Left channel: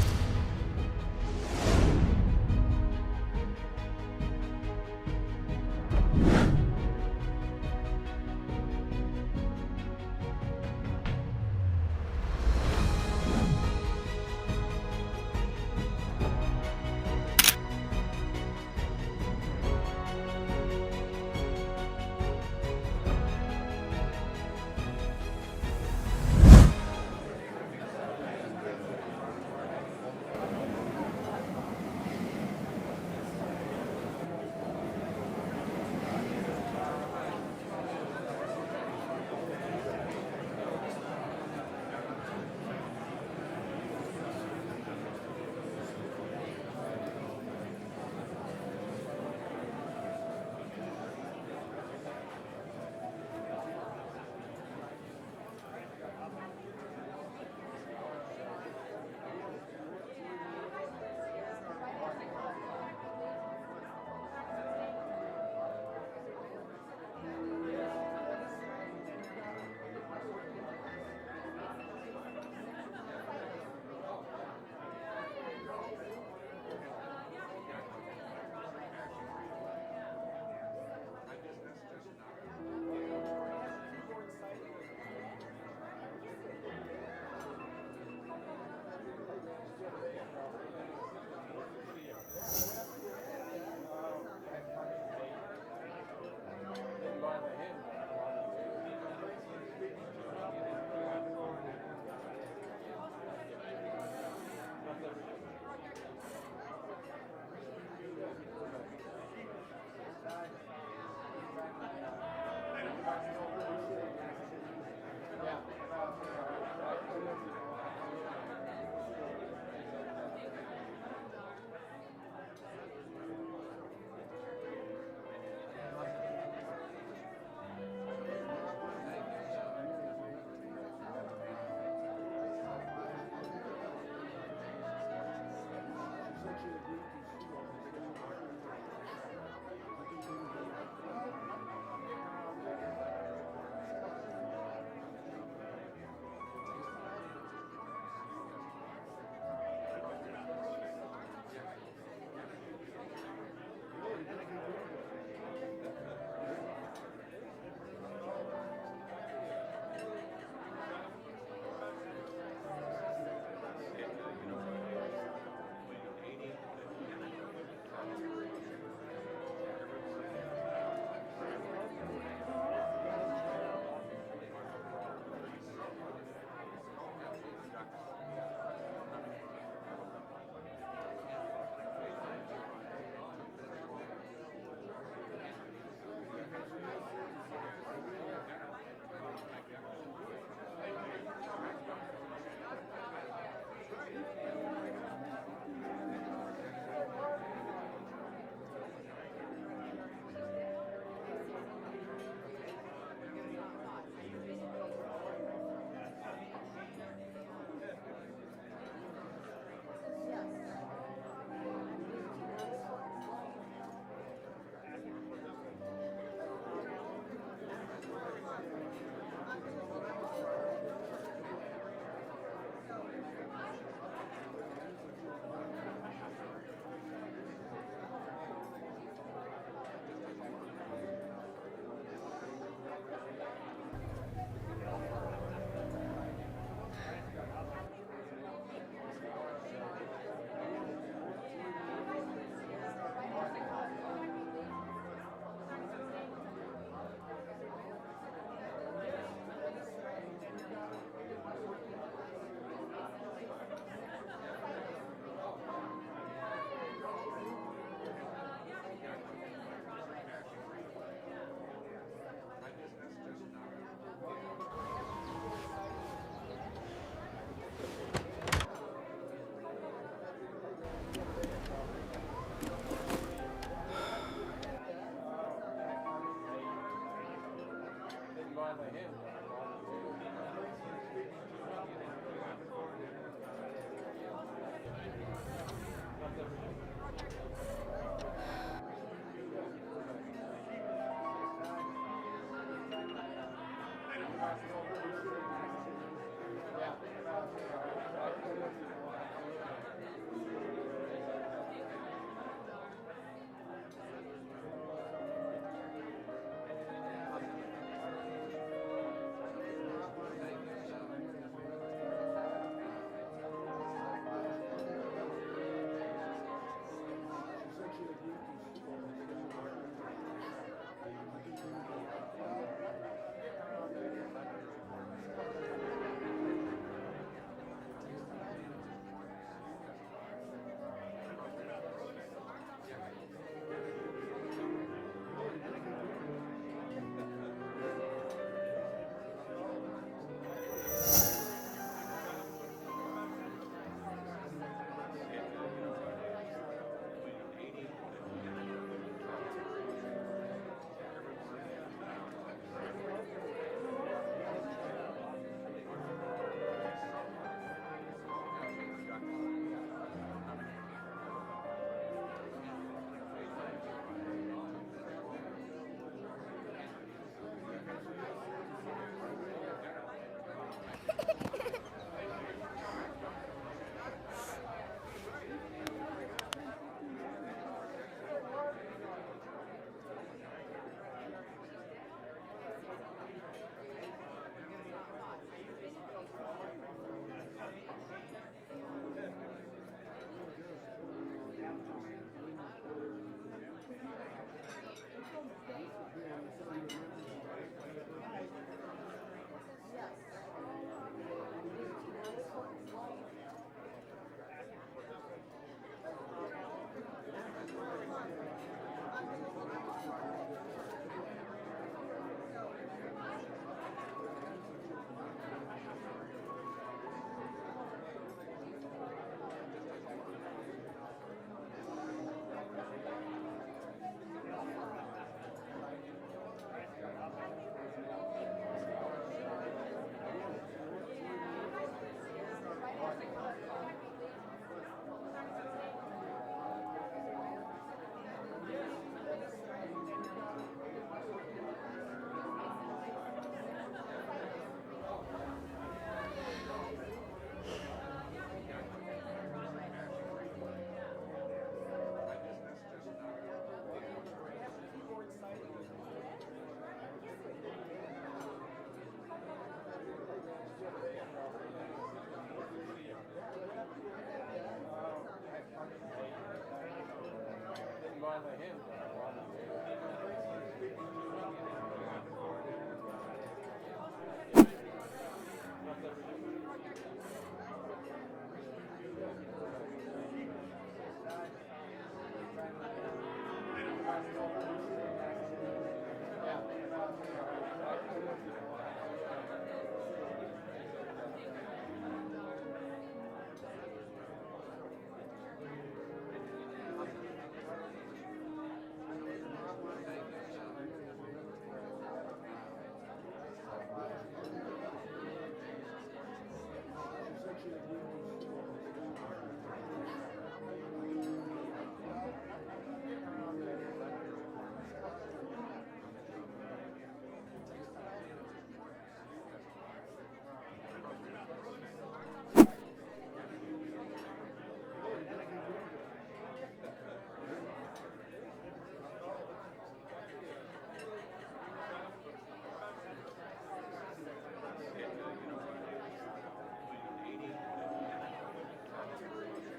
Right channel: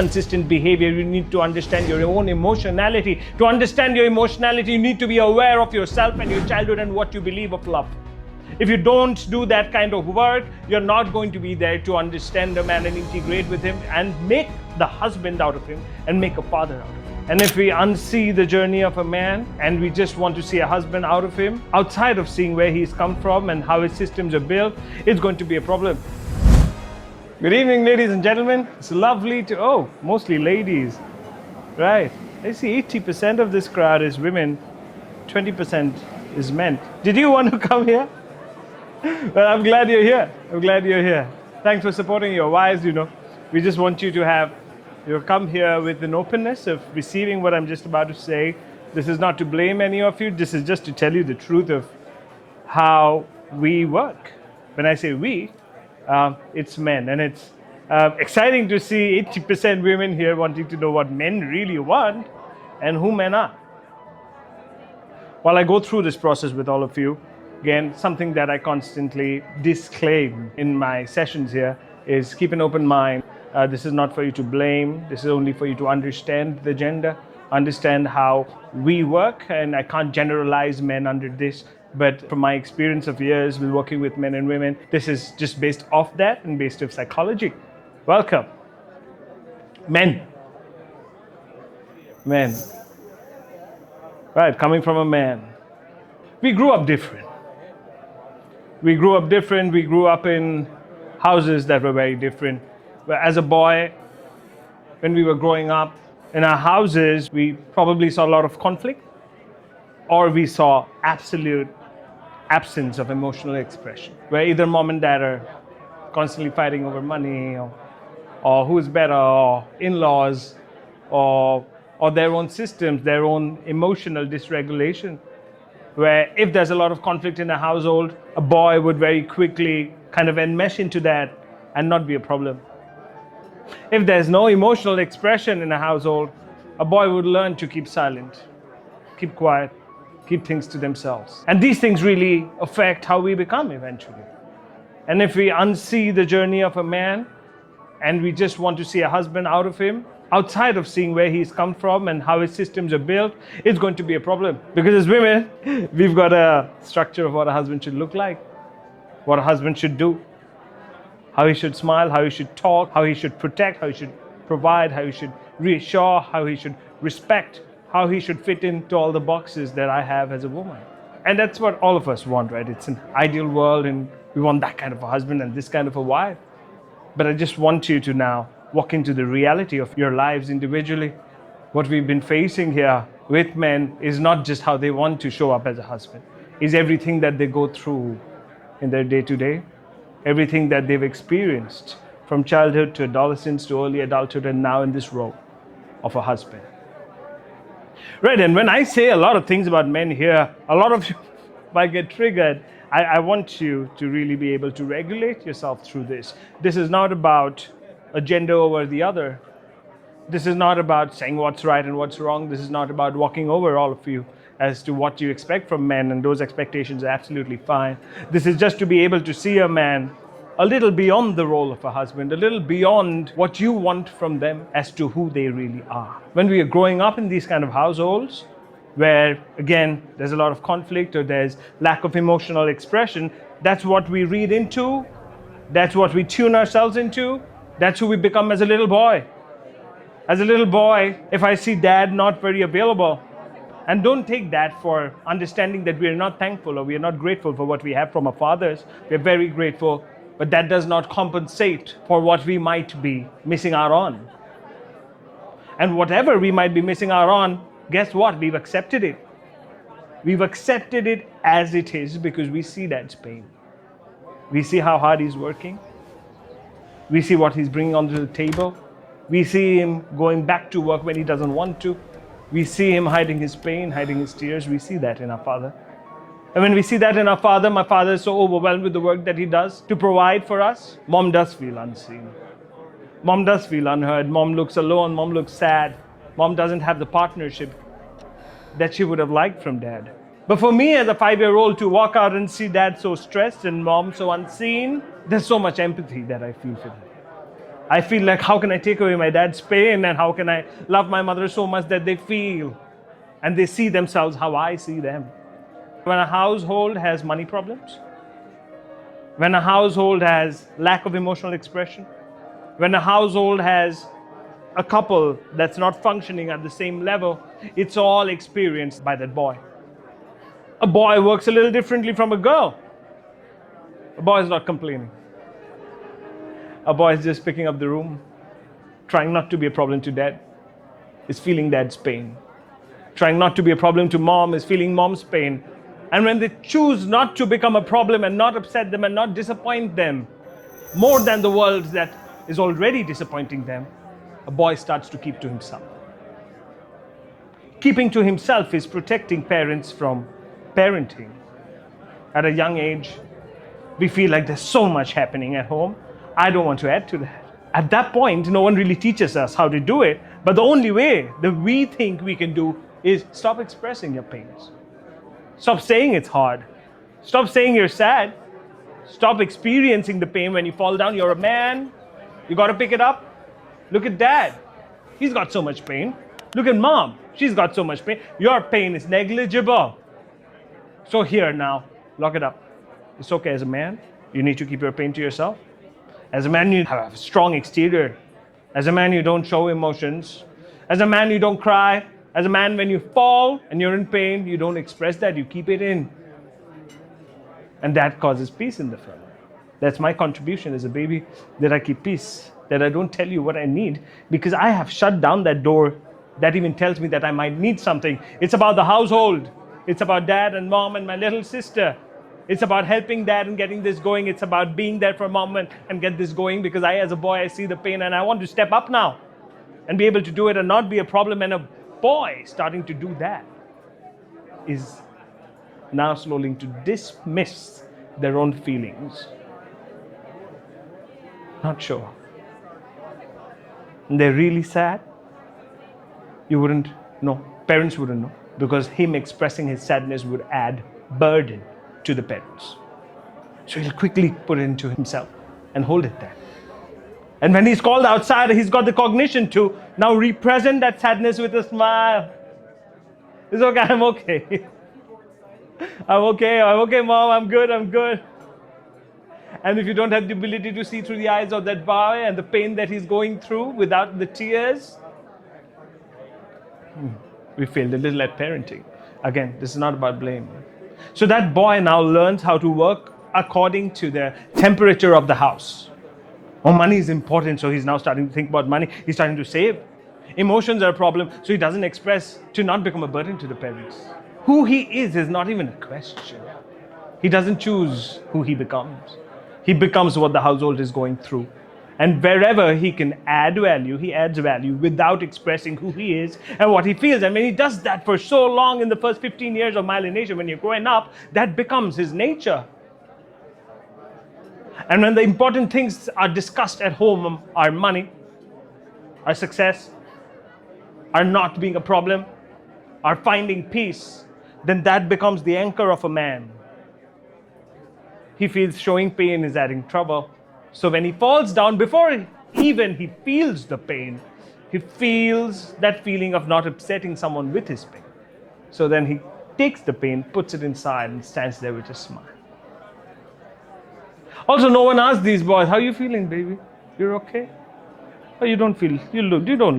consistent behavior. You need to understand your own emotionality. To understand your emotionality, you need to be aware of yourself and your childhood and what you believe of love. If you don't do that kind of work, you're not going to be there to understand a man and integrate with him and make the husband out of him and make a father out of him. And if we unsee the journey of a man and we just want to see a husband out of him, outside of seeing where he's come from and how his systems are built, it's going to be a problem. Good evening, ladies and gentlemen. It's lovely to, mostly ladies. Right. I see 80% of this crowd is women, 20% is men. Did you want to come here? Well, I'm glad you're here. I'm glad you're here. Thanks for supporting your wives, We just want you to have, come here with an openness of receiving what I'm just about to say. This is not to blame any of you. This is just to tell you the truth of how we work. When I say we, it's men. And it's exciting to see 80% women here wanting to know what men really want and who men are. While I go through this process with all of you, again, something that I constantly disclaim in my sessions here is keep an open mind. This is not for you to blame. This is only for you to understand the gender, understand how we work. And I can't generalize men under this, but from my experience of years with working with men and women, this is just based off that and based off psychology. Welcome. Men. Men. Right, coming from a man. We grew up different. We grew up in houses that were very different. As a boy, when we were growing up, in our houses, we probably saw a lot of conflict, or we saw absolute absence of emotional expression, where either mom and dad are constantly fighting over money, or who's better, or in-laws, or their own systems, their own emotional dysregulation. Where if there's a lot of conflict in a household, a boy would very quickly kind of enmesh into that and not be a problem. If there's no emotional expression in a household, a boy would learn to keep silent, keep quiet, keep things to themselves. And these things really affect how we become eventually. And if we unsee the journey of a man and we just want to see a husband out of him, outside of seeing where he's come from and how his systems are built, it's going to be a problem. Because as women, we've got a structure of what a husband should look like, what a husband should do, how he should smile, how he should talk, how he should protect, how he should provide, how he should reassure, how he should respect, how he should fit into all the boxes that I have as a woman. And that's what all of us want, right? It's an ideal world and we want that kind of a husband and this kind of a wife. But I just want you to now walk into the reality of your lives individually. What we've been facing here with men is not just how they want to show up as a husband. It's everything that they go through in their day-to-day, everything that they've experienced from childhood to adolescence to early adulthood and now in this role of a husband. Right, and when I say a lot of things about men here, a lot of you might get triggered. I want you to really be able to regulate yourself through this. This is not about a gender over the other. This is not about saying what's right and what's wrong. This is not about walking over all of you as to what you expect from men, and those expectations are absolutely fine. This is just to be able to see a man a little beyond the role of a husband, a little beyond what you want from them as to who they really are. When we are growing up in these kind of households, where again, there's a lot of conflict or there's lack of emotional expression, that's what we read into, that's what we tune ourselves into, that's who we become as a little boy. As a little boy, if I see dad not very available, and don't take that for understanding that we are not thankful or we are not grateful for what we have from our fathers. We're very grateful, but that does not compensate for what we might be missing out on. And whatever we might be missing out on, guess what? We've accepted it. We've accepted it as it is because we see dad's pain. We see how hard he's working. We see what he's bringing onto the table. We see him going back to work when he doesn't want to. We see him hiding his pain, hiding his tears. We see that in our father. And when we see that in our father, my father is so overwhelmed with the work that he does to provide for us. Mom does feel unseen. Mom does feel unheard. Mom looks alone. Mom looks sad. Mom doesn't have the partnership that she would have liked from dad. But for me as a 5-year-old to walk out and see dad so stressed and mom so unseen, there's so much empathy that I feel for them. I feel like, how can I take away my dad's pain, and how can I love my mother so much that they feel and they see themselves how I see them. When a household has money problems, when a household has lack of emotional expression, when a household has a couple that's not functioning at the same level, it's all experienced by that boy. A boy works a little differently from a girl. A boy is not complaining. A boy is just picking up the room, trying not to be a problem to dad, is feeling dad's pain. Trying not to be a problem to mom is feeling mom's pain. And when they choose not to become a problem and not upset them and not disappoint them more than the world that is already disappointing them, a boy starts to keep to himself. Keeping to himself is protecting parents from parenting. At a young age, we feel like there's so much happening at home. I don't want to add to that. At that point, no one really teaches us how to do it. But the only way that we think we can do is stop expressing your pains. Stop saying it's hard. Stop saying you're sad. Stop experiencing the pain when you fall down. You're a man. You got to pick it up. Look at dad. He's got so much pain. Look at mom. She's got so much pain. Your pain is negligible. So here now, lock it up. It's okay as a man. You need to keep your pain to yourself. As a man, you have a strong exterior. As a man, you don't show emotions. As a man, you don't cry. As a man, when you fall and you're in pain, you don't express that, you keep it in. And that causes peace in the family. That's my contribution as a baby, that I keep peace, that I don't tell you what I need, because I have shut down that door that even tells me that I might need something. It's about the household. It's about dad and mom and my little sister. It's about helping dad and getting this going. It's about being there for mom and get this going, because I, as a boy, I see the pain and I want to step up now and be able to do it and not be a problem. And a boy starting to do that is now slowly to dismiss their own feelings. Not sure. And they're really sad. You wouldn't know. Parents wouldn't know, because him expressing his sadness would add burden to the parents. So he'll quickly put it into himself and hold it there. And when he's called outside, he's got the cognition to now represent that sadness with a smile. It's okay, I'm okay. I'm okay, mom, I'm good. And if you don't have the ability to see through the eyes of that boy and the pain that he's going through without the tears, we failed a little at parenting. Again, this is not about blame. So that boy now learns how to work according to the temperature of the house. Oh, money is important, so he's now starting to think about money. He's starting to save. Emotions are a problem, so he doesn't express, to not become a burden to the parents. Who he is not even a question. He doesn't choose who he becomes. He becomes what the household is going through. And wherever he can add value, he adds value without expressing who he is and what he feels. And when he does that for so long in the first 15 years of myelination, when you're growing up, that becomes his nature. And when the important things are discussed at home, our money, our success, our not being a problem, our finding peace, then that becomes the anchor of a man. He feels showing pain is adding trouble. So when he falls down, before even he feels the pain, he feels that feeling of not upsetting someone with his pain. So then he takes the pain, puts it inside, and stands there with a smile. Also, no one asks these boys, how are you feeling, baby? You're okay? Oh, you don't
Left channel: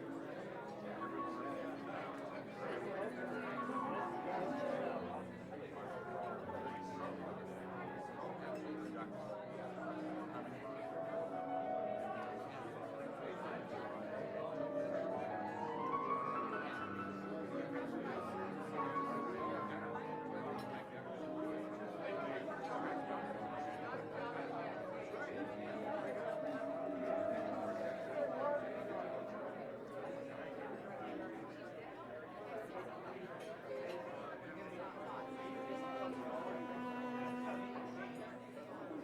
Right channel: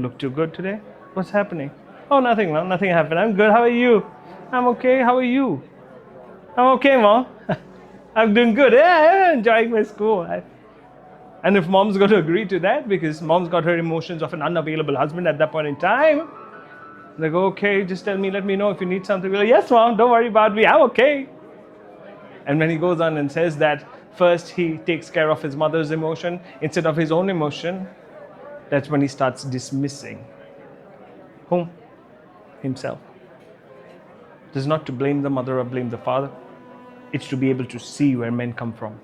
look too good today. What's happening? Oh, nothing, mom. Nothing happened. I'm good. How are you? I'm okay. How are you? I'm okay, mom. I'm doing good. Yeah, I'm enjoying my school. And if mom's going to agree to that, because mom's got her emotions of an unavailable husband at that point in time, they go, okay, just let me know if you need something. We're like, yes, mom, don't worry about me. I'm okay. And when he goes on and says that, first he takes care of his mother's emotion instead of his own emotion, that's when he starts dismissing whom? Himself. This is not to blame the mother or blame the father. It's to be able to see where men come from.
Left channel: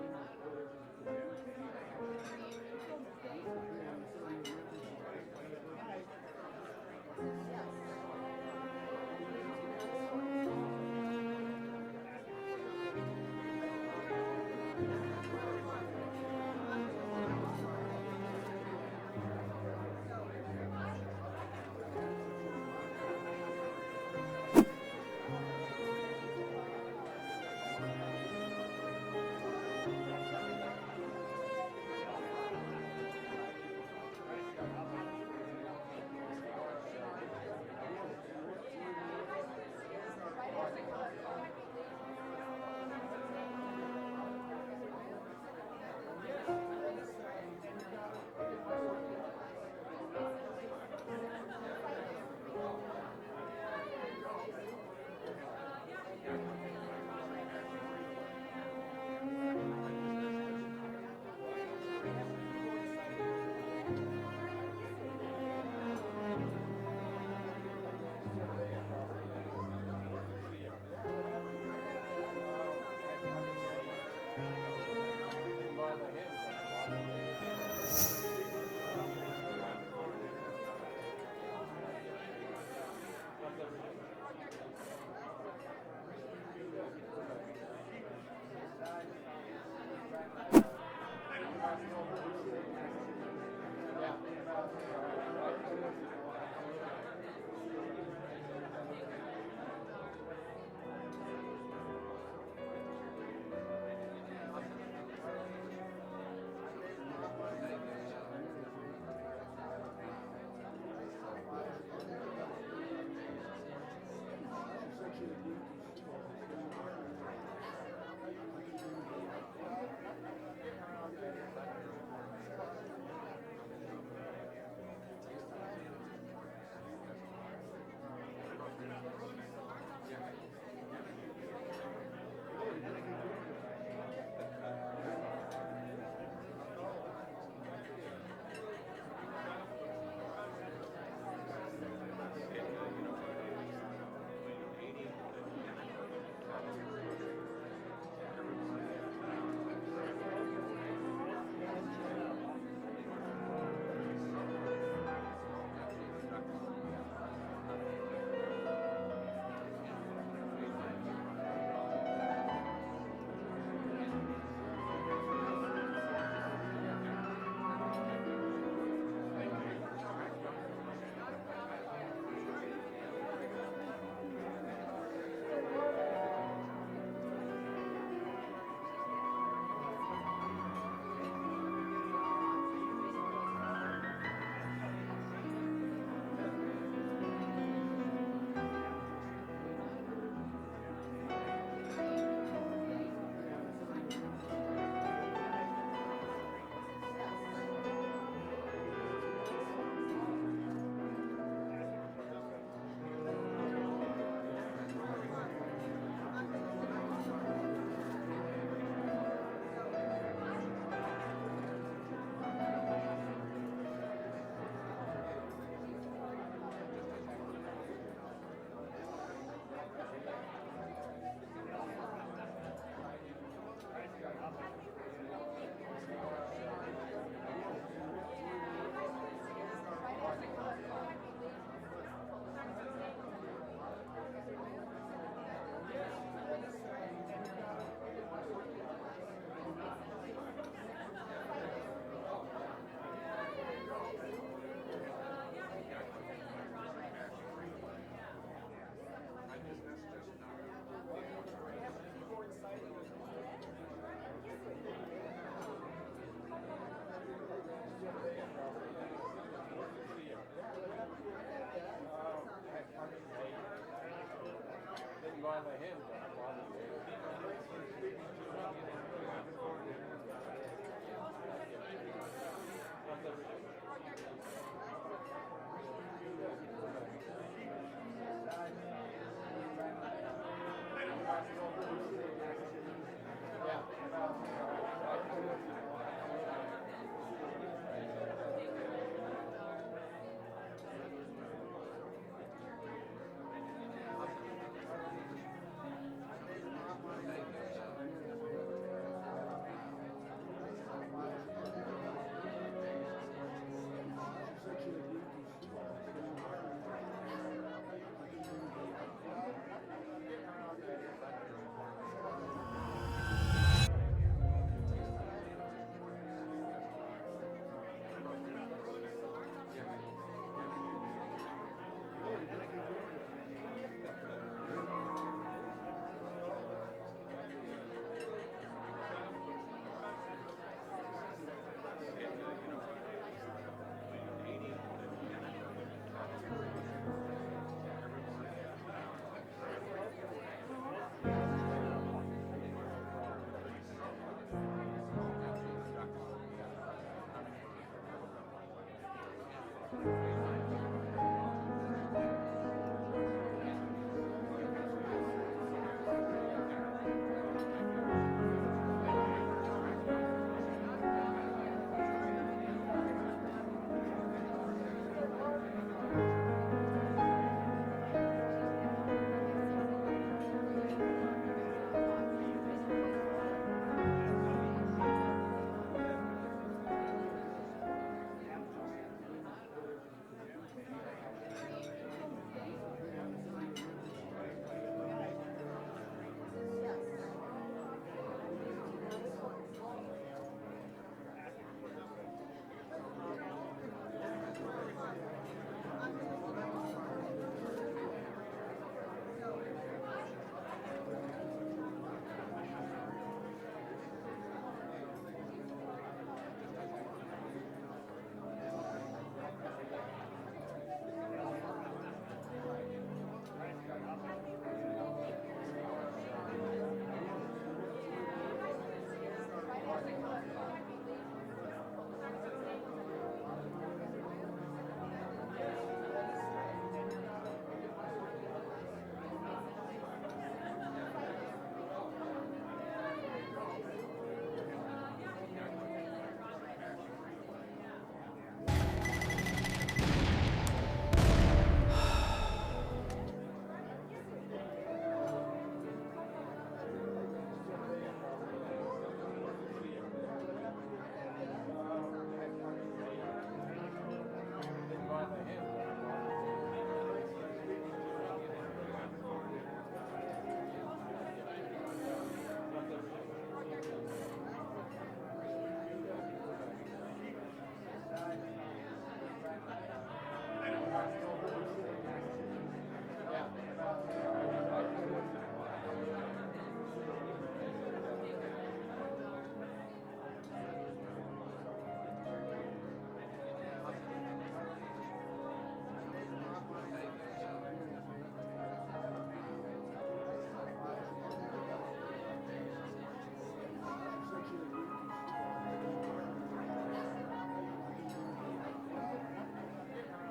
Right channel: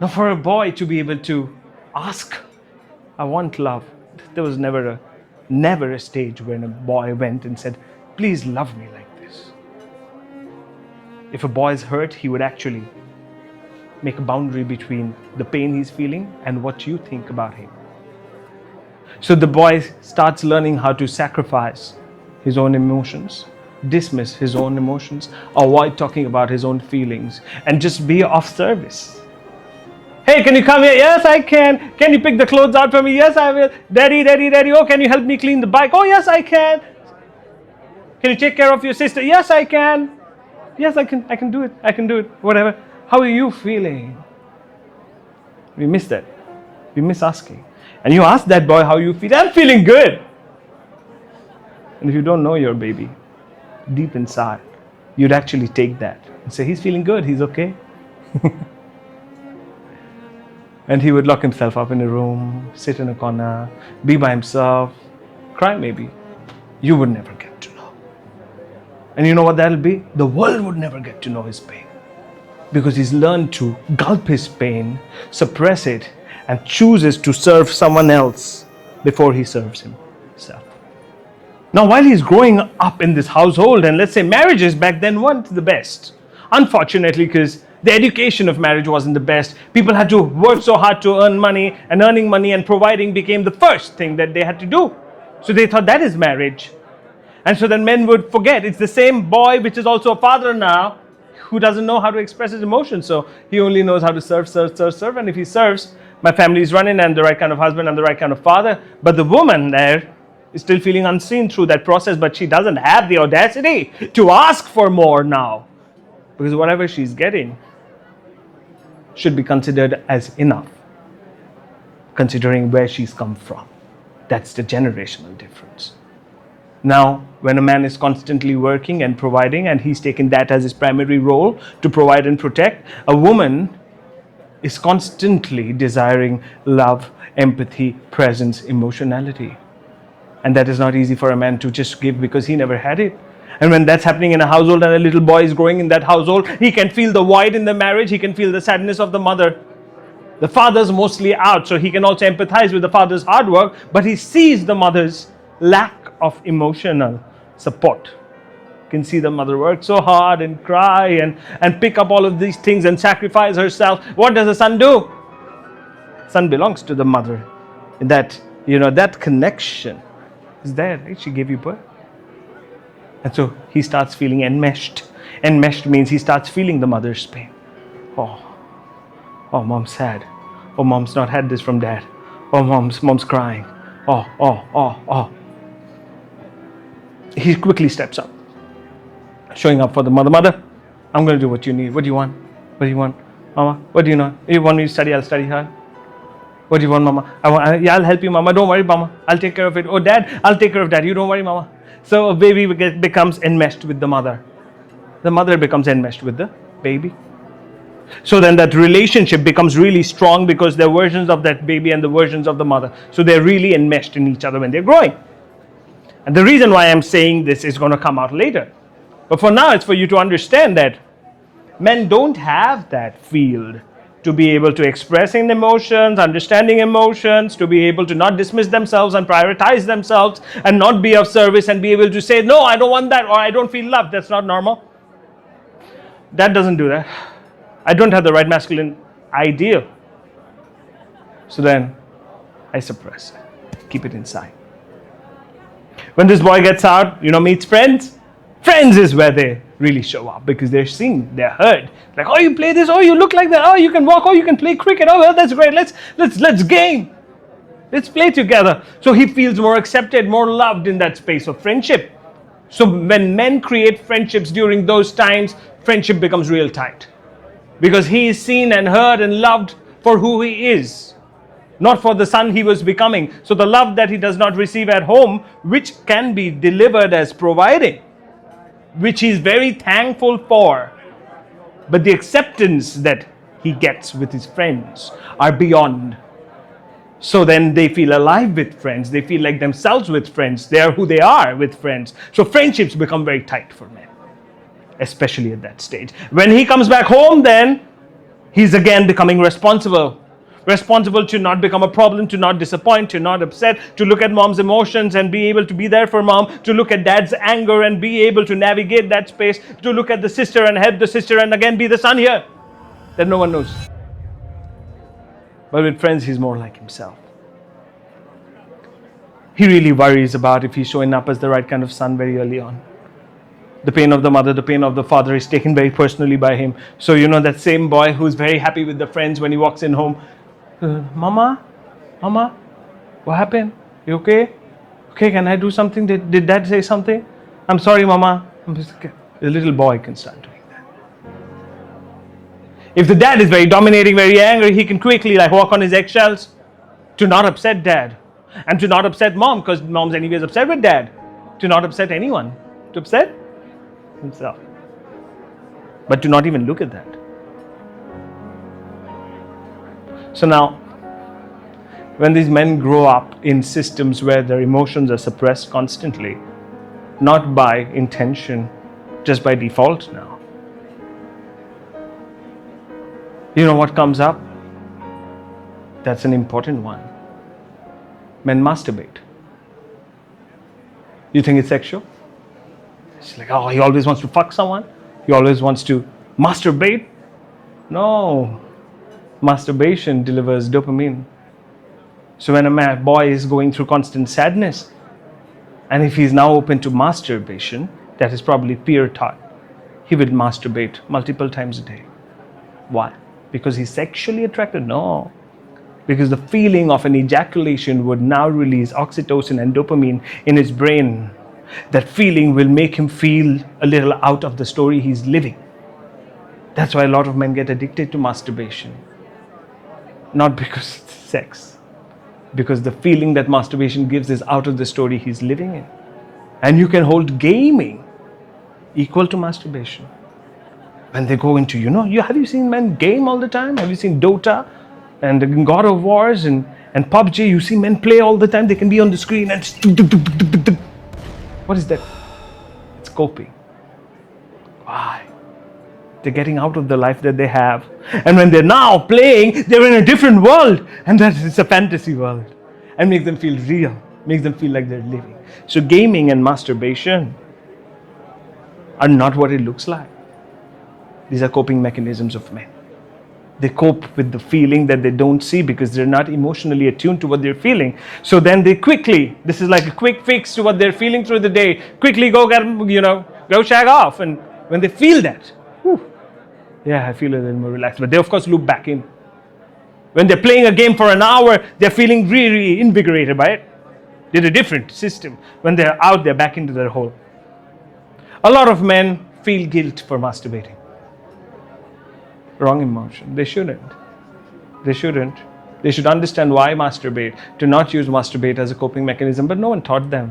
Now for a boy to be able to ask, I want love. There was never a stage when a boy went and said, please love me like this. If a boy is hurt, he would actually make a boundary between the pain he's feeling and what you think about him. So the boy starts learning how to sacrifice his own emotions, dismiss his own emotions, avoid talking about his own feelings, and just be of service. Hey, can you come here? Yes, I can. Can you pick the clothes out for me? Yes, I will. Daddy, daddy, daddy. Oh, can you help me clean the bike? Oh, yes, I can. Can you take care of your sister? Yes, I can. Yes, I can. I can do it. I can do it. Whatever. How are you feeling? We miss that. We miss asking. And you ask that boy how you feel. I'm feeling good. And if you don't know your baby, deep inside, you'd actually take that and say, he's feeling good. He's okay. And he would lock himself up in a room, sit in a corner, be by himself, cry maybe. You would never get to know. And you know what that'll be? The world would never get to know his pain. Because he's learned to gulp his pain, suppress it, and chooses to serve someone else before he serves himself. Now, while he's growing up in this household, and let's say marriages back then weren't the best, unfortunately, because the education of marriage wasn't the best. People had to work so hard to earn money, and earning money and providing became the first thing that they had to do. So they thought that is marriage. And so then men would forget it's the same boy, which is also a father now, who doesn't know how to express his emotions. So he only knows how to serve. And if he serves, my family is running, and the right kind of husband and the right kind of father. But the woman there is still feeling unseen through that process, but she doesn't have the audacity to ask for more now. Because whatever she's getting should be considered as enough, considering where she's come from. That's the generational difference. Now, when a man is constantly working and providing, and he's taken that as his primary role to provide and protect, a woman is constantly desiring love, empathy, presence, emotionality. And that is not easy for a man to just give because he never had it. And when that's happening in a household and a little boy is growing in that household, he can feel the void in the marriage, he can feel the sadness of the mother. The father's mostly out, so he can also empathize with the father's hard work, but he sees the mother's lack of emotional support. You can see the mother work so hard and cry and pick up all of these things and sacrifice herself. What does the son do? Son belongs to the mother. That, that connection is there, right? She gave you birth. And so he starts feeling enmeshed. Enmeshed means he starts feeling the mother's pain. Oh, mom's sad. Oh, mom's not had this from dad. Oh, mom's crying. Oh. He quickly steps up, showing up for the mother. Mother, I'm going to do what you need. What do you want? What do you want? Mama, what do you know? You want me to study? I'll study hard. What do you want, Mama? I'll help you, Mama. Don't worry, Mama. I'll take care of it. Oh, Dad, I'll take care of that. You don't worry, Mama. So a baby becomes enmeshed with the mother. The mother becomes enmeshed with the baby. So then that relationship becomes really strong because they're versions of that baby and the versions of the mother. So they're really enmeshed in each other when they're growing. And the reason why I'm saying this is going to come out later. But for now, it's for you to understand that men don't have that field to be able to expressing emotions, understanding emotions, to be able to not dismiss themselves and prioritize themselves and not be of service and be able to say, no, I don't want that, or I don't feel loved. That's not normal. That doesn't do that. I don't have the right masculine ideal. So then I suppress it, keep it inside. When this boy gets out, meets friends. Friends is where they really show up because they're seen, they're heard. Like, oh, you play this, oh, you look like that, oh, you can walk, oh, you can play cricket, oh, well, that's great, let's game. Let's play together. So he feels more accepted, more loved in that space of friendship. So when men create friendships during those times, friendship becomes real tight. Because he is seen and heard and loved for who he is, not for the son he was becoming. So the love that he does not receive at home, which can be delivered as providing, which he's very thankful for, but the acceptance that he gets with his friends are beyond. So then they feel alive with friends. They feel like themselves with friends. They are who they are with friends. So friendships become very tight for men, especially at that stage. When he comes back home, then he's again becoming responsible to not become a problem, to not disappoint, to not upset, to look at mom's emotions and be able to be there for mom, to look at dad's anger and be able to navigate that space, to look at the sister and help the sister and again be the son here. that no one knows. But with friends, he's more like himself. He really worries about if he's showing up as the right kind of son very early on. The pain of the mother, the pain of the father is taken very personally by him. So that same boy who's very happy with the friends when he walks in home. Mama, what happened? You okay? Okay, can I do something? Did dad say something? I'm sorry, Mama. The little boy can start doing that. If the dad is very dominating, very angry, he can quickly walk on his eggshells to not upset dad. And to not upset mom, because mom's anyways upset with dad. To not upset anyone. To upset himself. But to not even look at that. So now, when these men grow up in systems where their emotions are suppressed constantly, not by intention, just by default now, you know what comes up? That's an important one. Men masturbate. You think it's sexual? It's like, oh, he always wants to fuck someone. He always wants to masturbate. No. Masturbation delivers dopamine. So when a boy is going through constant sadness, and if he's now open to masturbation, that is probably peer taught, he will masturbate multiple times a day. Why? Because he's sexually attracted? No. Because the feeling of an ejaculation would now release oxytocin and dopamine in his brain. That feeling will make him feel a little out of the story he's living. That's why a lot of men get addicted to masturbation. Not because it's sex. Because the feeling that masturbation gives is out of the story he's living in. And you can hold gaming equal to masturbation. When they go into, have you seen men game all the time? Have you seen Dota and God of Wars and PUBG? You see men play all the time. They can be on the screen and what is that? It's coping. Why? They're getting out of the life that they have. And when they're now playing, they're in a different world. And that is a fantasy world. And makes them feel real. Makes them feel like they're living. So gaming and masturbation are not what it looks like. These are coping mechanisms of men. They cope with the feeling that they don't see because they're not emotionally attuned to what they're feeling. So then they quickly, this is like a quick fix to what they're feeling through the day, quickly go shag off. And when they feel that, I feel a little more relaxed. But they, of course, loop back in. When they're playing a game for an hour, they're feeling really invigorated by it. They're a different system. When they're out, they're back into their hole. A lot of men feel guilt for masturbating. Wrong emotion. They shouldn't. They should understand why masturbate, to not use masturbate as a coping mechanism, but no one taught them.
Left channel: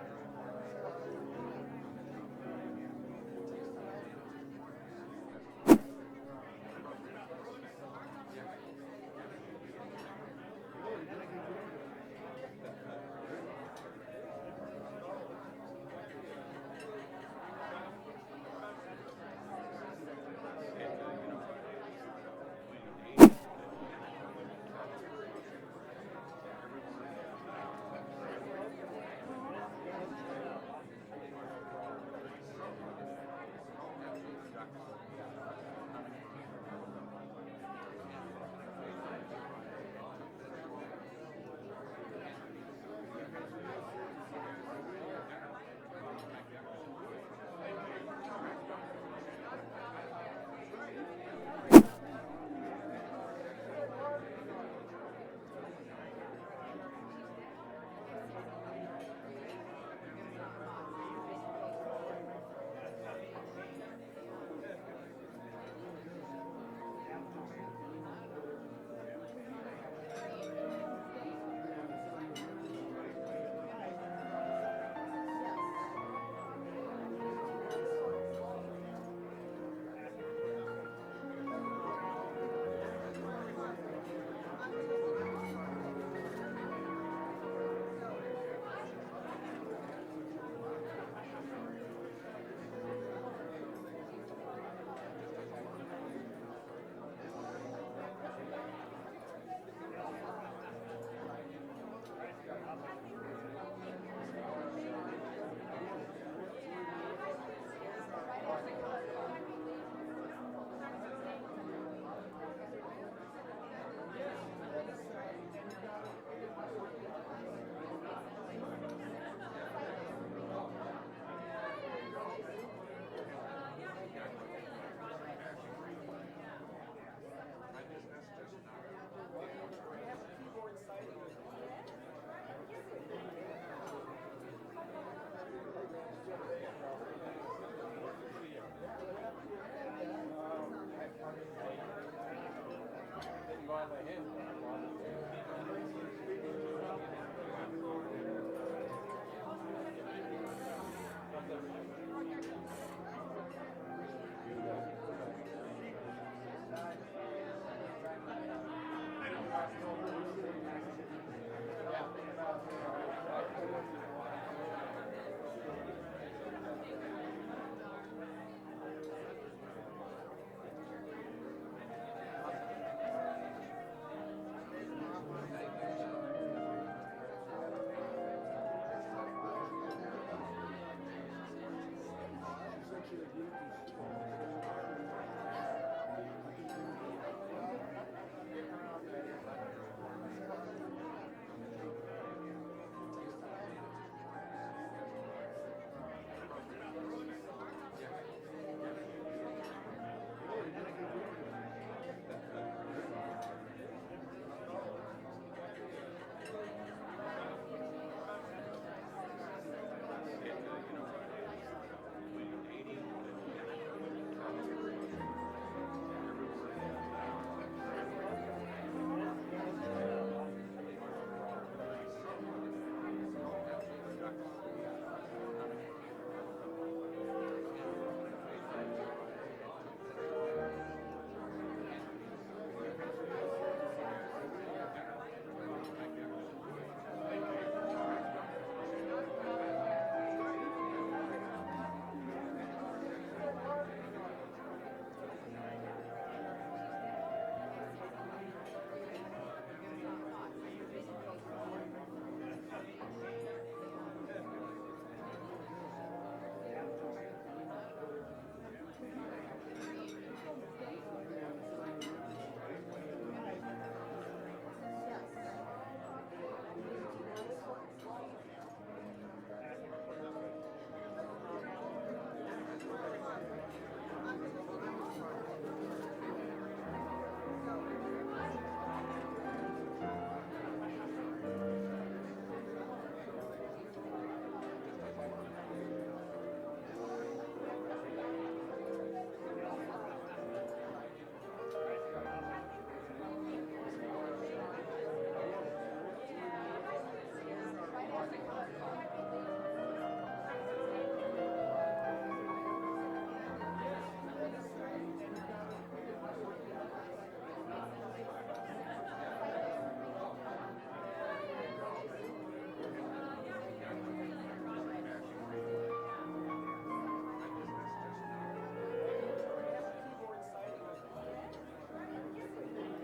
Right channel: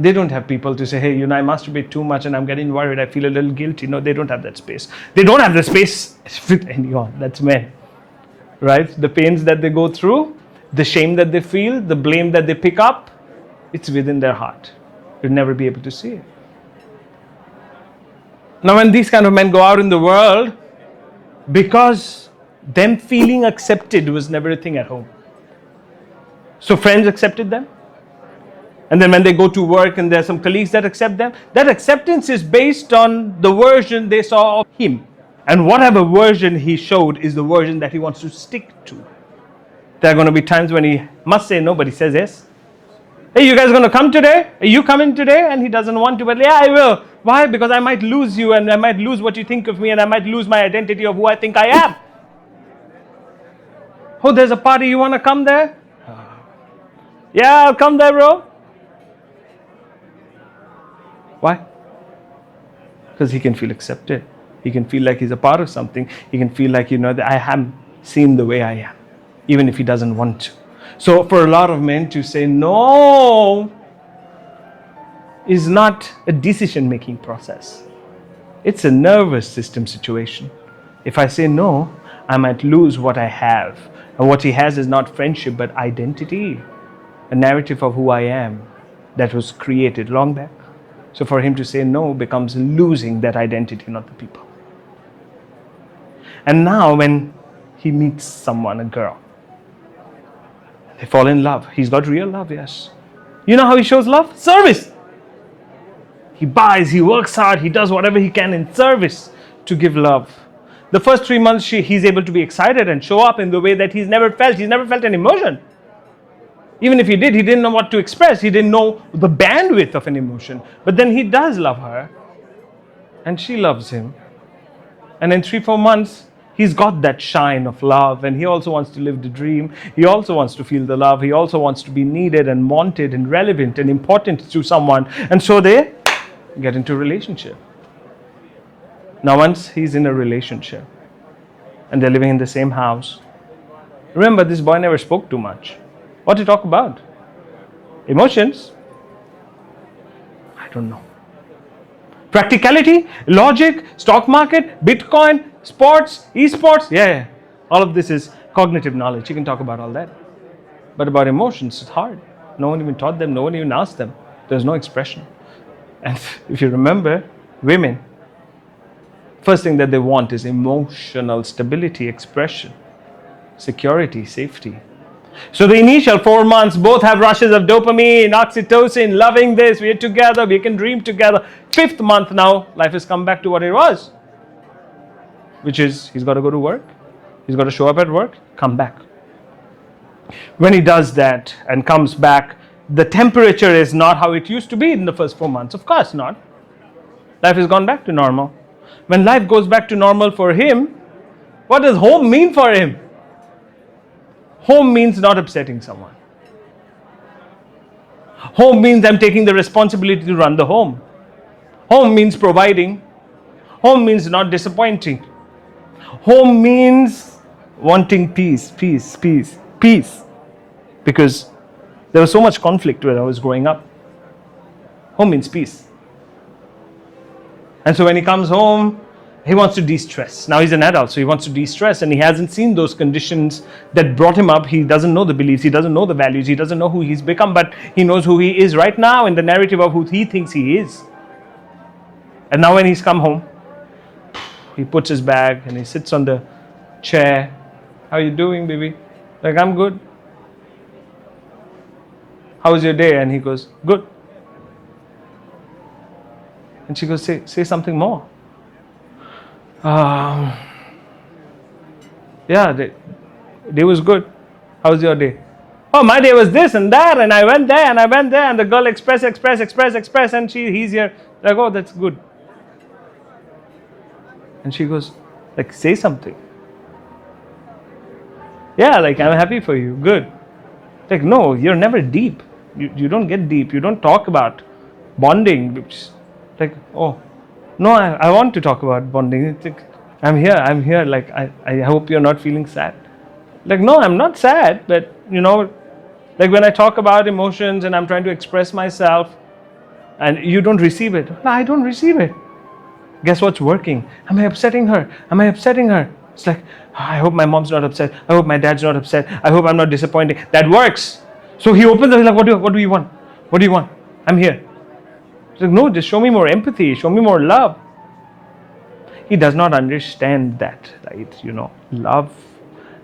They don't have people to say, hey, I masturbate too much and I'm getting worried, I feel a little guilty. No, they don't have that space. They don't have the space with anyone. That's men. Right? The pains that they go through, the shame that they feel, the blame that they pick up, it's within their heart. You'll never be able to see it. Now, when these kind of men go out in the world, because them feeling accepted was never a thing at home. So friends accepted them. And then when they go to work and there's some colleagues that accept them, that acceptance is based on the version they saw of him. And whatever version he showed is the version that he wants to stick to. There are going to be times when he must say no, but he says yes. Hey, you guys going to come today? Are you coming today? And he doesn't want to, but yeah, I will. Why? Because I might lose you and I might lose what you think of me and I might lose my identity of who I think I am. Oh, there's a party. You want to come there? Yeah, I'll come there, bro. Why? Because he can feel accepted. He can feel like he's a part of something. He can feel like, that I am seen the way I am, even if he doesn't want to. So for a lot of men to say no is not a decision-making process. It's a nervous system situation. If I say no, I might lose what I have. And what he has is not friendship, but identity. A narrative of who I am that was created long back. So for him to say no becomes losing that identity, not the people. And now when he meets someone, a girl, they fall in love. He's got real love, yes. You know how he shows love? Service. He buys, he works hard, he does whatever he can in service to give love. the first 3 months he's able to be excited and show up in the way that he's never felt. He's never felt an emotion. Even if he did, he didn't know what to express. He didn't know the bandwidth of an emotion. But then he does love her, and she loves him. And in 3-4 months, he's got that shine of love, and he also wants to live the dream. He also wants to feel the love. He also wants to be needed and wanted and relevant and important to someone. And so they get into a relationship. Now, once he's in a relationship and they're living in the same house, remember, this boy never spoke too much. What to talk about? Emotions? I don't know. Practicality, logic, stock market, Bitcoin, sports, esports. Yeah. All of this is cognitive knowledge. You can talk about all that. But about emotions, it's hard. No one even taught them. No one even asked them. There's no expression. And if you remember, women, first thing that they want is emotional stability, expression, security, safety. So the initial 4 months, both have rushes of dopamine, oxytocin, loving this, we're together, we can dream together. 5th month now, life has come back to what it was, which is he's got to go to work, he's got to show up at work, come back. When he does that and comes back, the temperature is not how it used to be in the first 4 months. Of course not. Life has gone back to normal. When life goes back to normal for him, what does home mean for him? Home means not upsetting someone. Home means I'm taking the responsibility to run the home. Home means providing. Home means not disappointing. Home means wanting peace. Because there was so much conflict when I was growing up. Home means peace. And so when he comes home, he wants to de-stress. Now he's an adult, so he wants to de-stress, and he hasn't seen those conditions that brought him up. He doesn't know the beliefs, he doesn't know the values, he doesn't know who he's become, but he knows who he is right now in the narrative of who he thinks he is. And now when he's come home, he puts his bag and he sits on the chair. How are you doing, baby? Like, I'm good. How was your day? And he goes, good. And she goes, say something more. Yeah, day was good. How was your day? Oh, my day was this and that, and I went there, and the girl express, and he's here. Like, oh, that's good. And she goes, like, say something. Yeah, like, I'm happy for you. Good. Like, no, you're never deep. You don't get deep. You don't talk about bonding. Like, oh, no, I want to talk about bonding. It's like, I'm here. Like, I hope you're not feeling sad. Like, no, I'm not sad. But, like when I talk about emotions and I'm trying to express myself and you don't receive it. No, I don't receive it. Guess what's working? Am I upsetting her? It's like, I hope my mom's not upset. I hope my dad's not upset. I hope I'm not disappointing. That works. So he opens up, he's like, what do you want? What do you want? I'm here. He's like, no, just show me more empathy. Show me more love. He does not understand that, right? Love.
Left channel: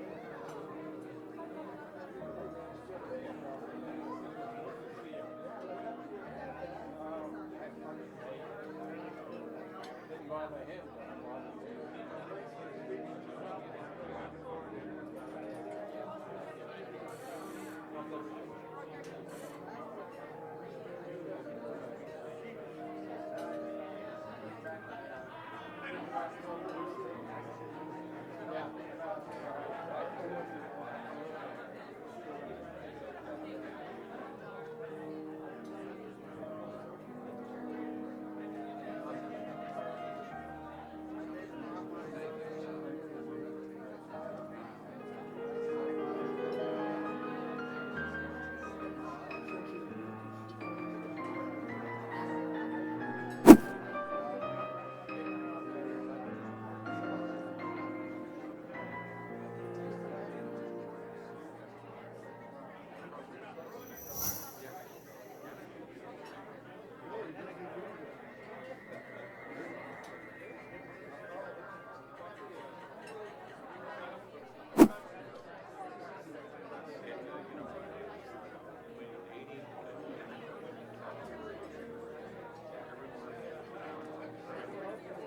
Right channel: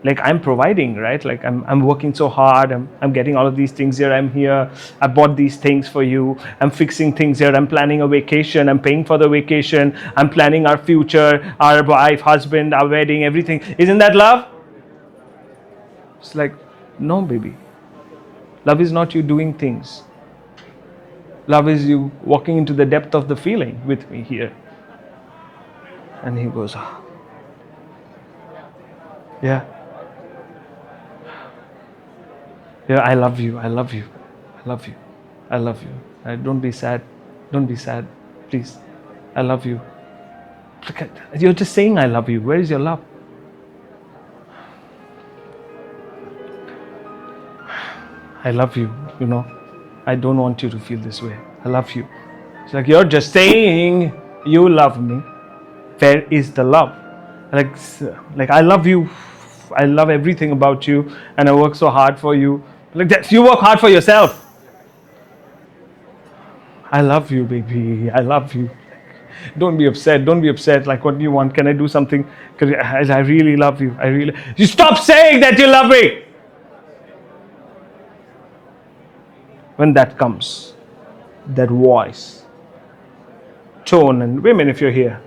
Like, I'm providing, right? Like, I'm working so hard. I'm getting all of these things here. I'm here. I bought these things for you. I'm fixing things here. I'm planning a vacation. I'm paying for the vacation. I'm planning our future, our wife, husband, our wedding, everything. Isn't that love? It's like, no, baby. Love is not you doing things. Love is you walking into the depth of the feeling with me here. And he goes, yeah. Yeah, I love you. Don't be sad. Please. I love you. You're just saying I love you. Where is your love? I love you, I don't want you to feel this way. I love you. It's like, you're just saying you love me. Where is the love? Like I love you. I love everything about you, and I work so hard for you. Like that, you work hard for yourself. I love you, baby. I love you. Don't be upset. Like, what do you want? Can I do something? Because I really love you. You stop saying that you love me. When that comes, that voice, tone, and women, if you're here,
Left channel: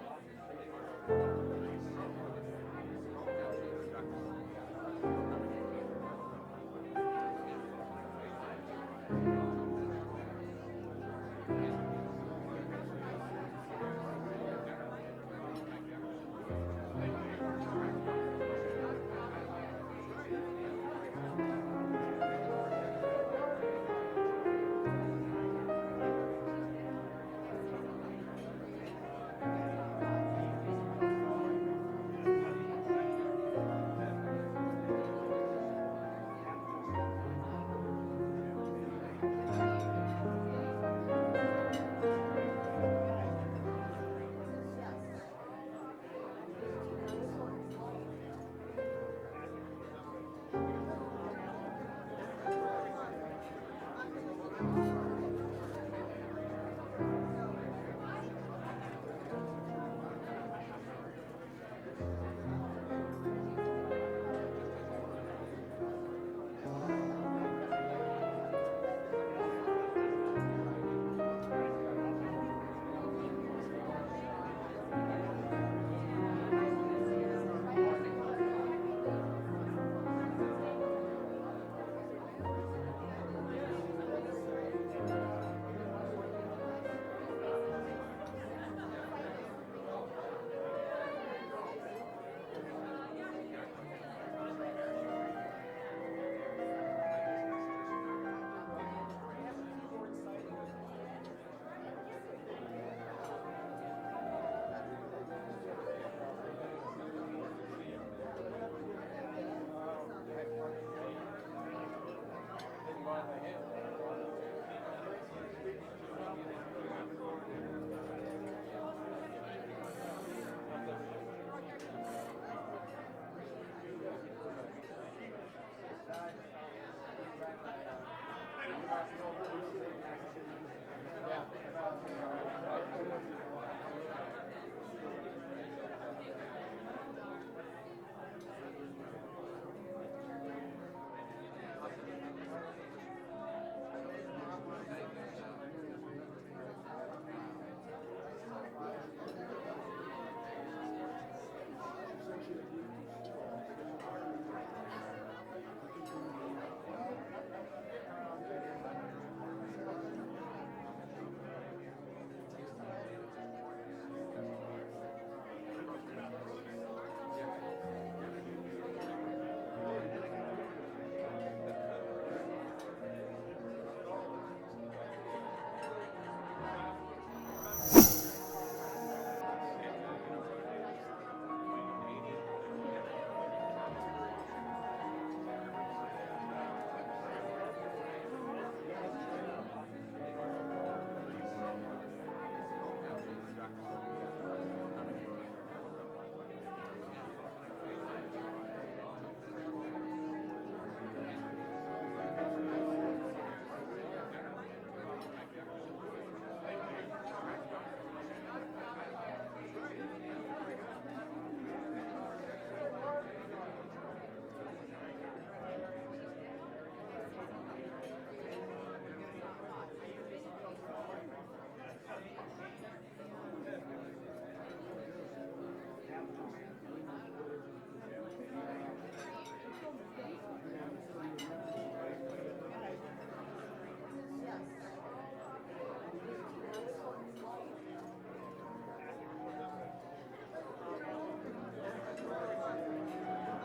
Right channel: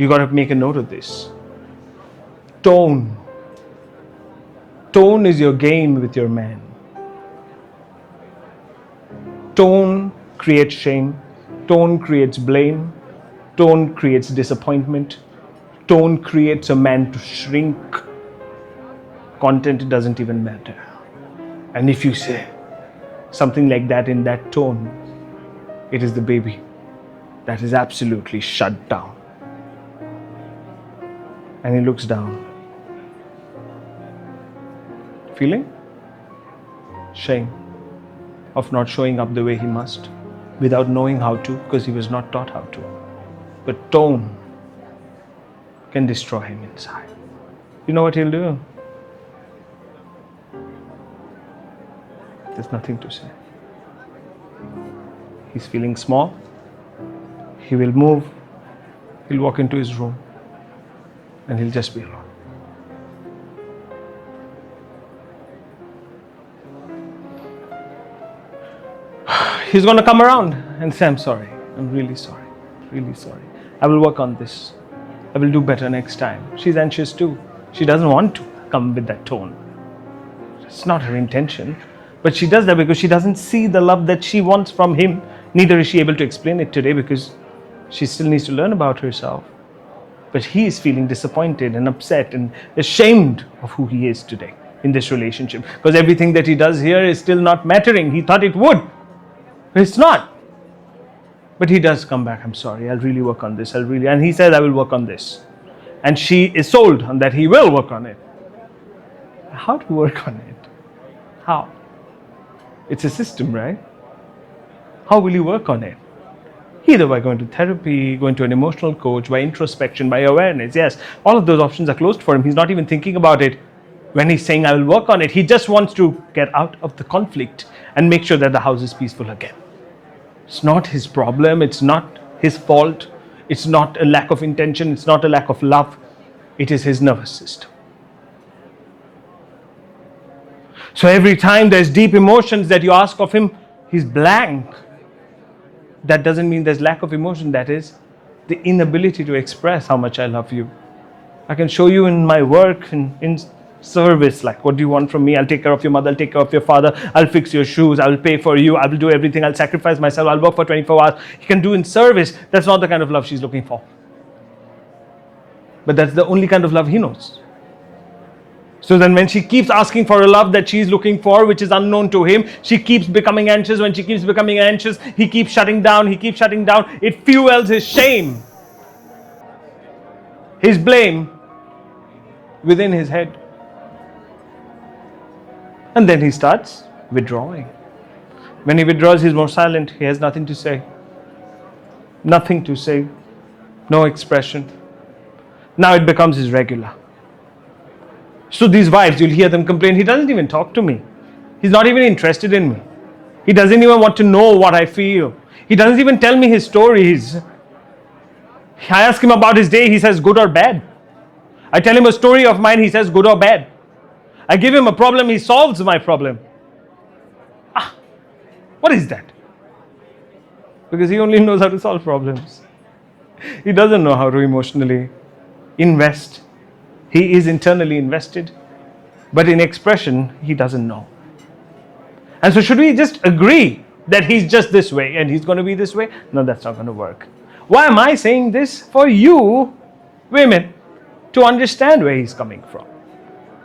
You got to make a note of this. Tone. Tone is your game with your man. Tone creates shame. Tone creates blame. Tone creates disappointment. Tone creates a man to shrink. Content doesn't even matter. And if you say something like that in that tone, it is the baby that is absolutely shut down. And he looks down. Feeling? Shame of not showing up the way he must, without knowing how to, because he was not taught how to. But tone can destroy him inside. You know what he'll do? There's nothing to say. He's feeling small. He will move. He'll walk into his room and he'll just be alone. He's going to come around and say, I'm sorry. I'm really sorry. Really sorry. I will work on this. I will do better next time. She's anxious too. She doesn't want to come with that tone. It's not her intention. But she does that because she doesn't see the love that she wants from him. Neither is she able to explain it today because she still needs to learn about herself. But he is feeling disappointed and upset and ashamed of who he is today in this relationship. Because everything that he does here is still not mattering. He thought it would. But it's not. But he does come back, I'm sorry, I'll really work on this. And he says, I will work on this. And she is sold on that he will work on it. How to work on it? How? It's a system, right? How will you work on it? Either by going to therapy, going to an emotional coach, by introspection, by awareness. Yes, all of those options are closed for him. He's not even thinking about it when he's saying, I will work on it. He just wants to get out of the conflict and make sure that the house is peaceful again. It's not his problem. It's not his fault. It's not a lack of intention. It's not a lack of love. It is his nervous system. So every time there's deep emotions that you ask of him, he's blank. That doesn't mean there's lack of emotion. That is the inability to express how much I love you. I can show you in my work, in service, like, what do you want from me? I'll take care of your mother, I'll take care of your father, I'll fix your shoes, I will pay for you, I will do everything, I'll sacrifice myself, I'll work for 24 hours. He can do in service. That's not the kind of love she's looking for. But that's the only kind of love he knows. So then when she keeps asking for a love that she's looking for, which is unknown to him, she keeps becoming anxious. When she keeps becoming anxious, he keeps shutting down, It fuels his shame, his blame within his head. And then he starts withdrawing. When he withdraws, he's more silent. He has nothing to say. Nothing to say. No expression. Now it becomes his regular. So these wives, you'll hear them complain, he doesn't even talk to me. He's not even interested in me. He doesn't even want to know what I feel. He doesn't even tell me his stories. I ask him about his day, he says good or bad. I tell him a story of mine, he says good or bad. I give him a problem, he solves my problem. What is that? Because he only knows how to solve problems. He doesn't know how to emotionally invest. He is internally invested, but in expression, he doesn't know. And so should we just agree that he's just this way and he's going to be this way? No, that's not going to work. Why am I saying this? For you, women, to understand where he's coming from.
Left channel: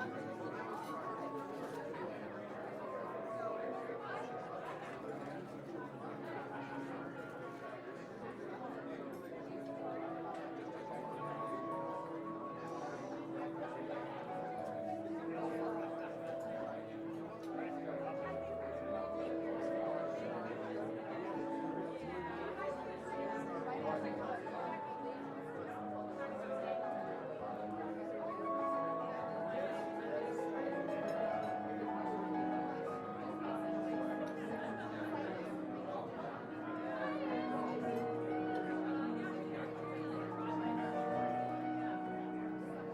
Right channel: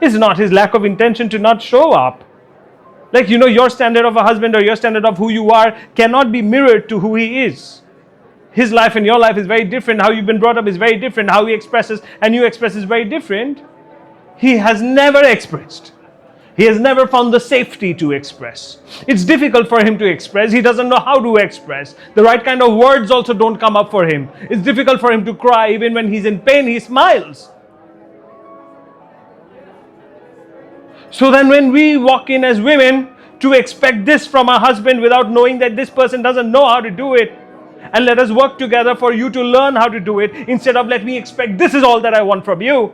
It's not his lack of intention to not show up. Like, your standard of a husband or your standard of who you are cannot be mirrored to who he is. His life and your life is very different. How you've been brought up is very different. How he expresses and you express is very different. He has never expressed. He has never found the safety to express. It's difficult for him to express. He doesn't know how to express. The right kind of words also don't come up for him. It's difficult for him to cry. Even when he's in pain, he smiles. So then when we walk in as women to expect this from our husband without knowing that this person doesn't know how to do it, and let us work together for you to learn how to do it, instead of let me expect this is all that I want from you,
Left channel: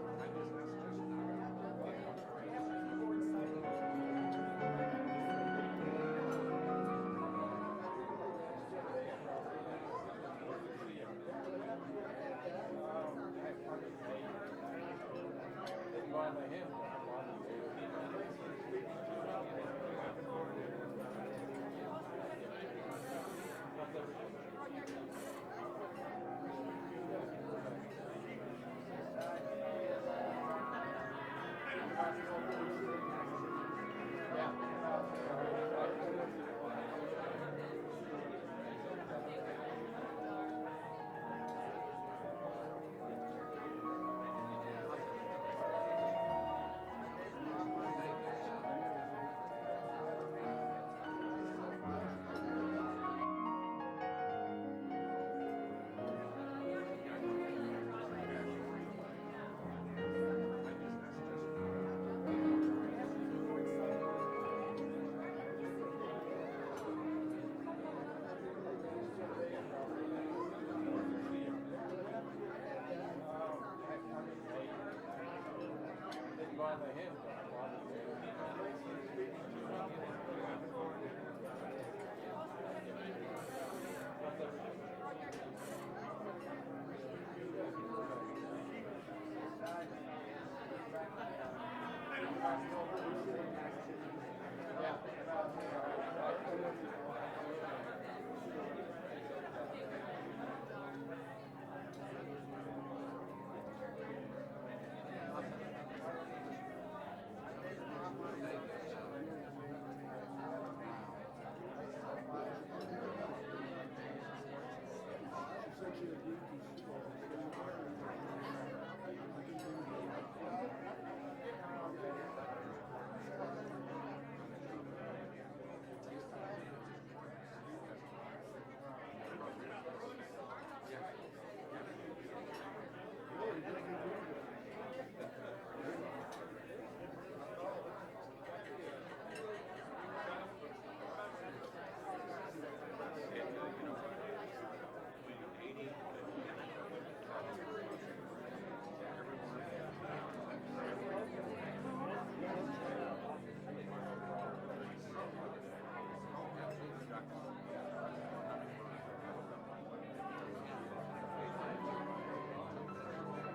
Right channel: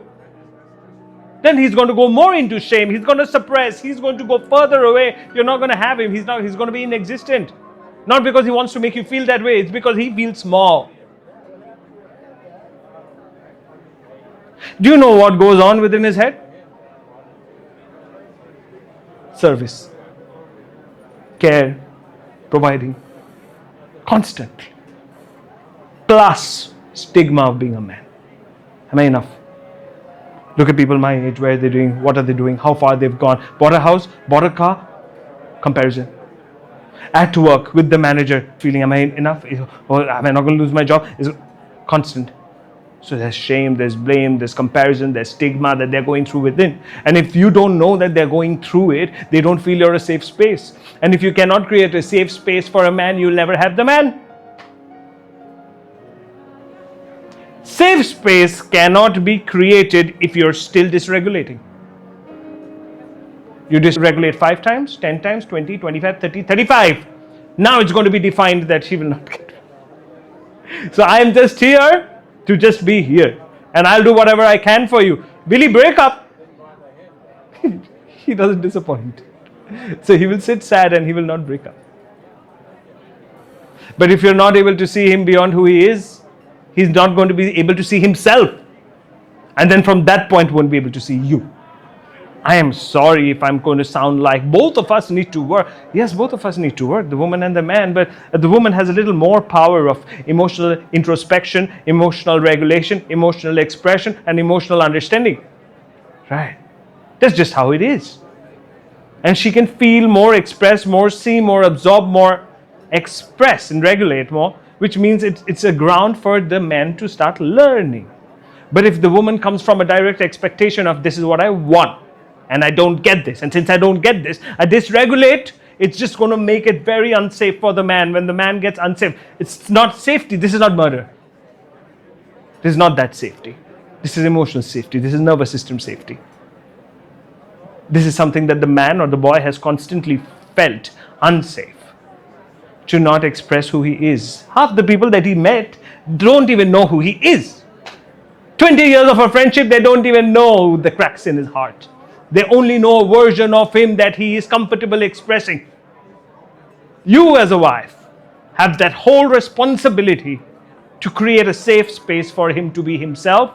then he's going to go more into shame. He's going to suppress. He's going to go further away. You're not going to have him. He's going to be inexistent. Not because he wants to make you feel that way. It's because he feels small. Do you know what goes on within his head? Service, care, providing, constantly. Plus stigma of being a man. Am I enough? Look at people my age, where they're doing, what are they doing, how far they've gone, bought a house, bought a car, comparison. At work with the manager, feeling, am I enough? Or am I not going to lose my job? Is constant. So there's shame, there's blame, there's comparison, there's stigma that they're going through within. And if you don't know that they're going through it, they don't feel you're a safe space. And if you cannot create a safe space for a man, you'll never have the man. Safe space cannot be created if you're still dysregulating. You dysregulate 5 times, 10 times, 20, 25, 30, 35. Now it's going to be defined that she will not get it. So I'm just here to just be here. And I'll do whatever I can for you. Will he break up? He doesn't disappoint. So he will sit sad and he will not break up. But if you're not able to see him beyond who he is, he's not going to be able to see himself. And then from that point won't be able to see you. I am sorry if I'm going to sound like both of us need to work. Yes, both of us need to work, the woman and the man, but the woman has a little more power of emotional introspection, emotional regulation, emotional expression, and emotional understanding. Right? That's just how it is. And she can feel more, express more, see more, absorb more, express and regulate more, which means it's a ground for the man to start learning. But if the woman comes from a direct expectation of this is what I want, and I don't get this, and since I don't get this, I dysregulate, it's just going to make it very unsafe for the man. When the man gets unsafe, it's not safety. This is not murder. This is not that safety. This is emotional safety. This is nervous system safety. This is something that the man or the boy has constantly felt unsafe to not express who he is. Half the people that he met don't even know who he is. 20 years of a friendship, they don't even know the cracks in his heart. They only know a version of him that he is comfortable expressing. You as a wife have that whole responsibility to create a safe space for him to be himself.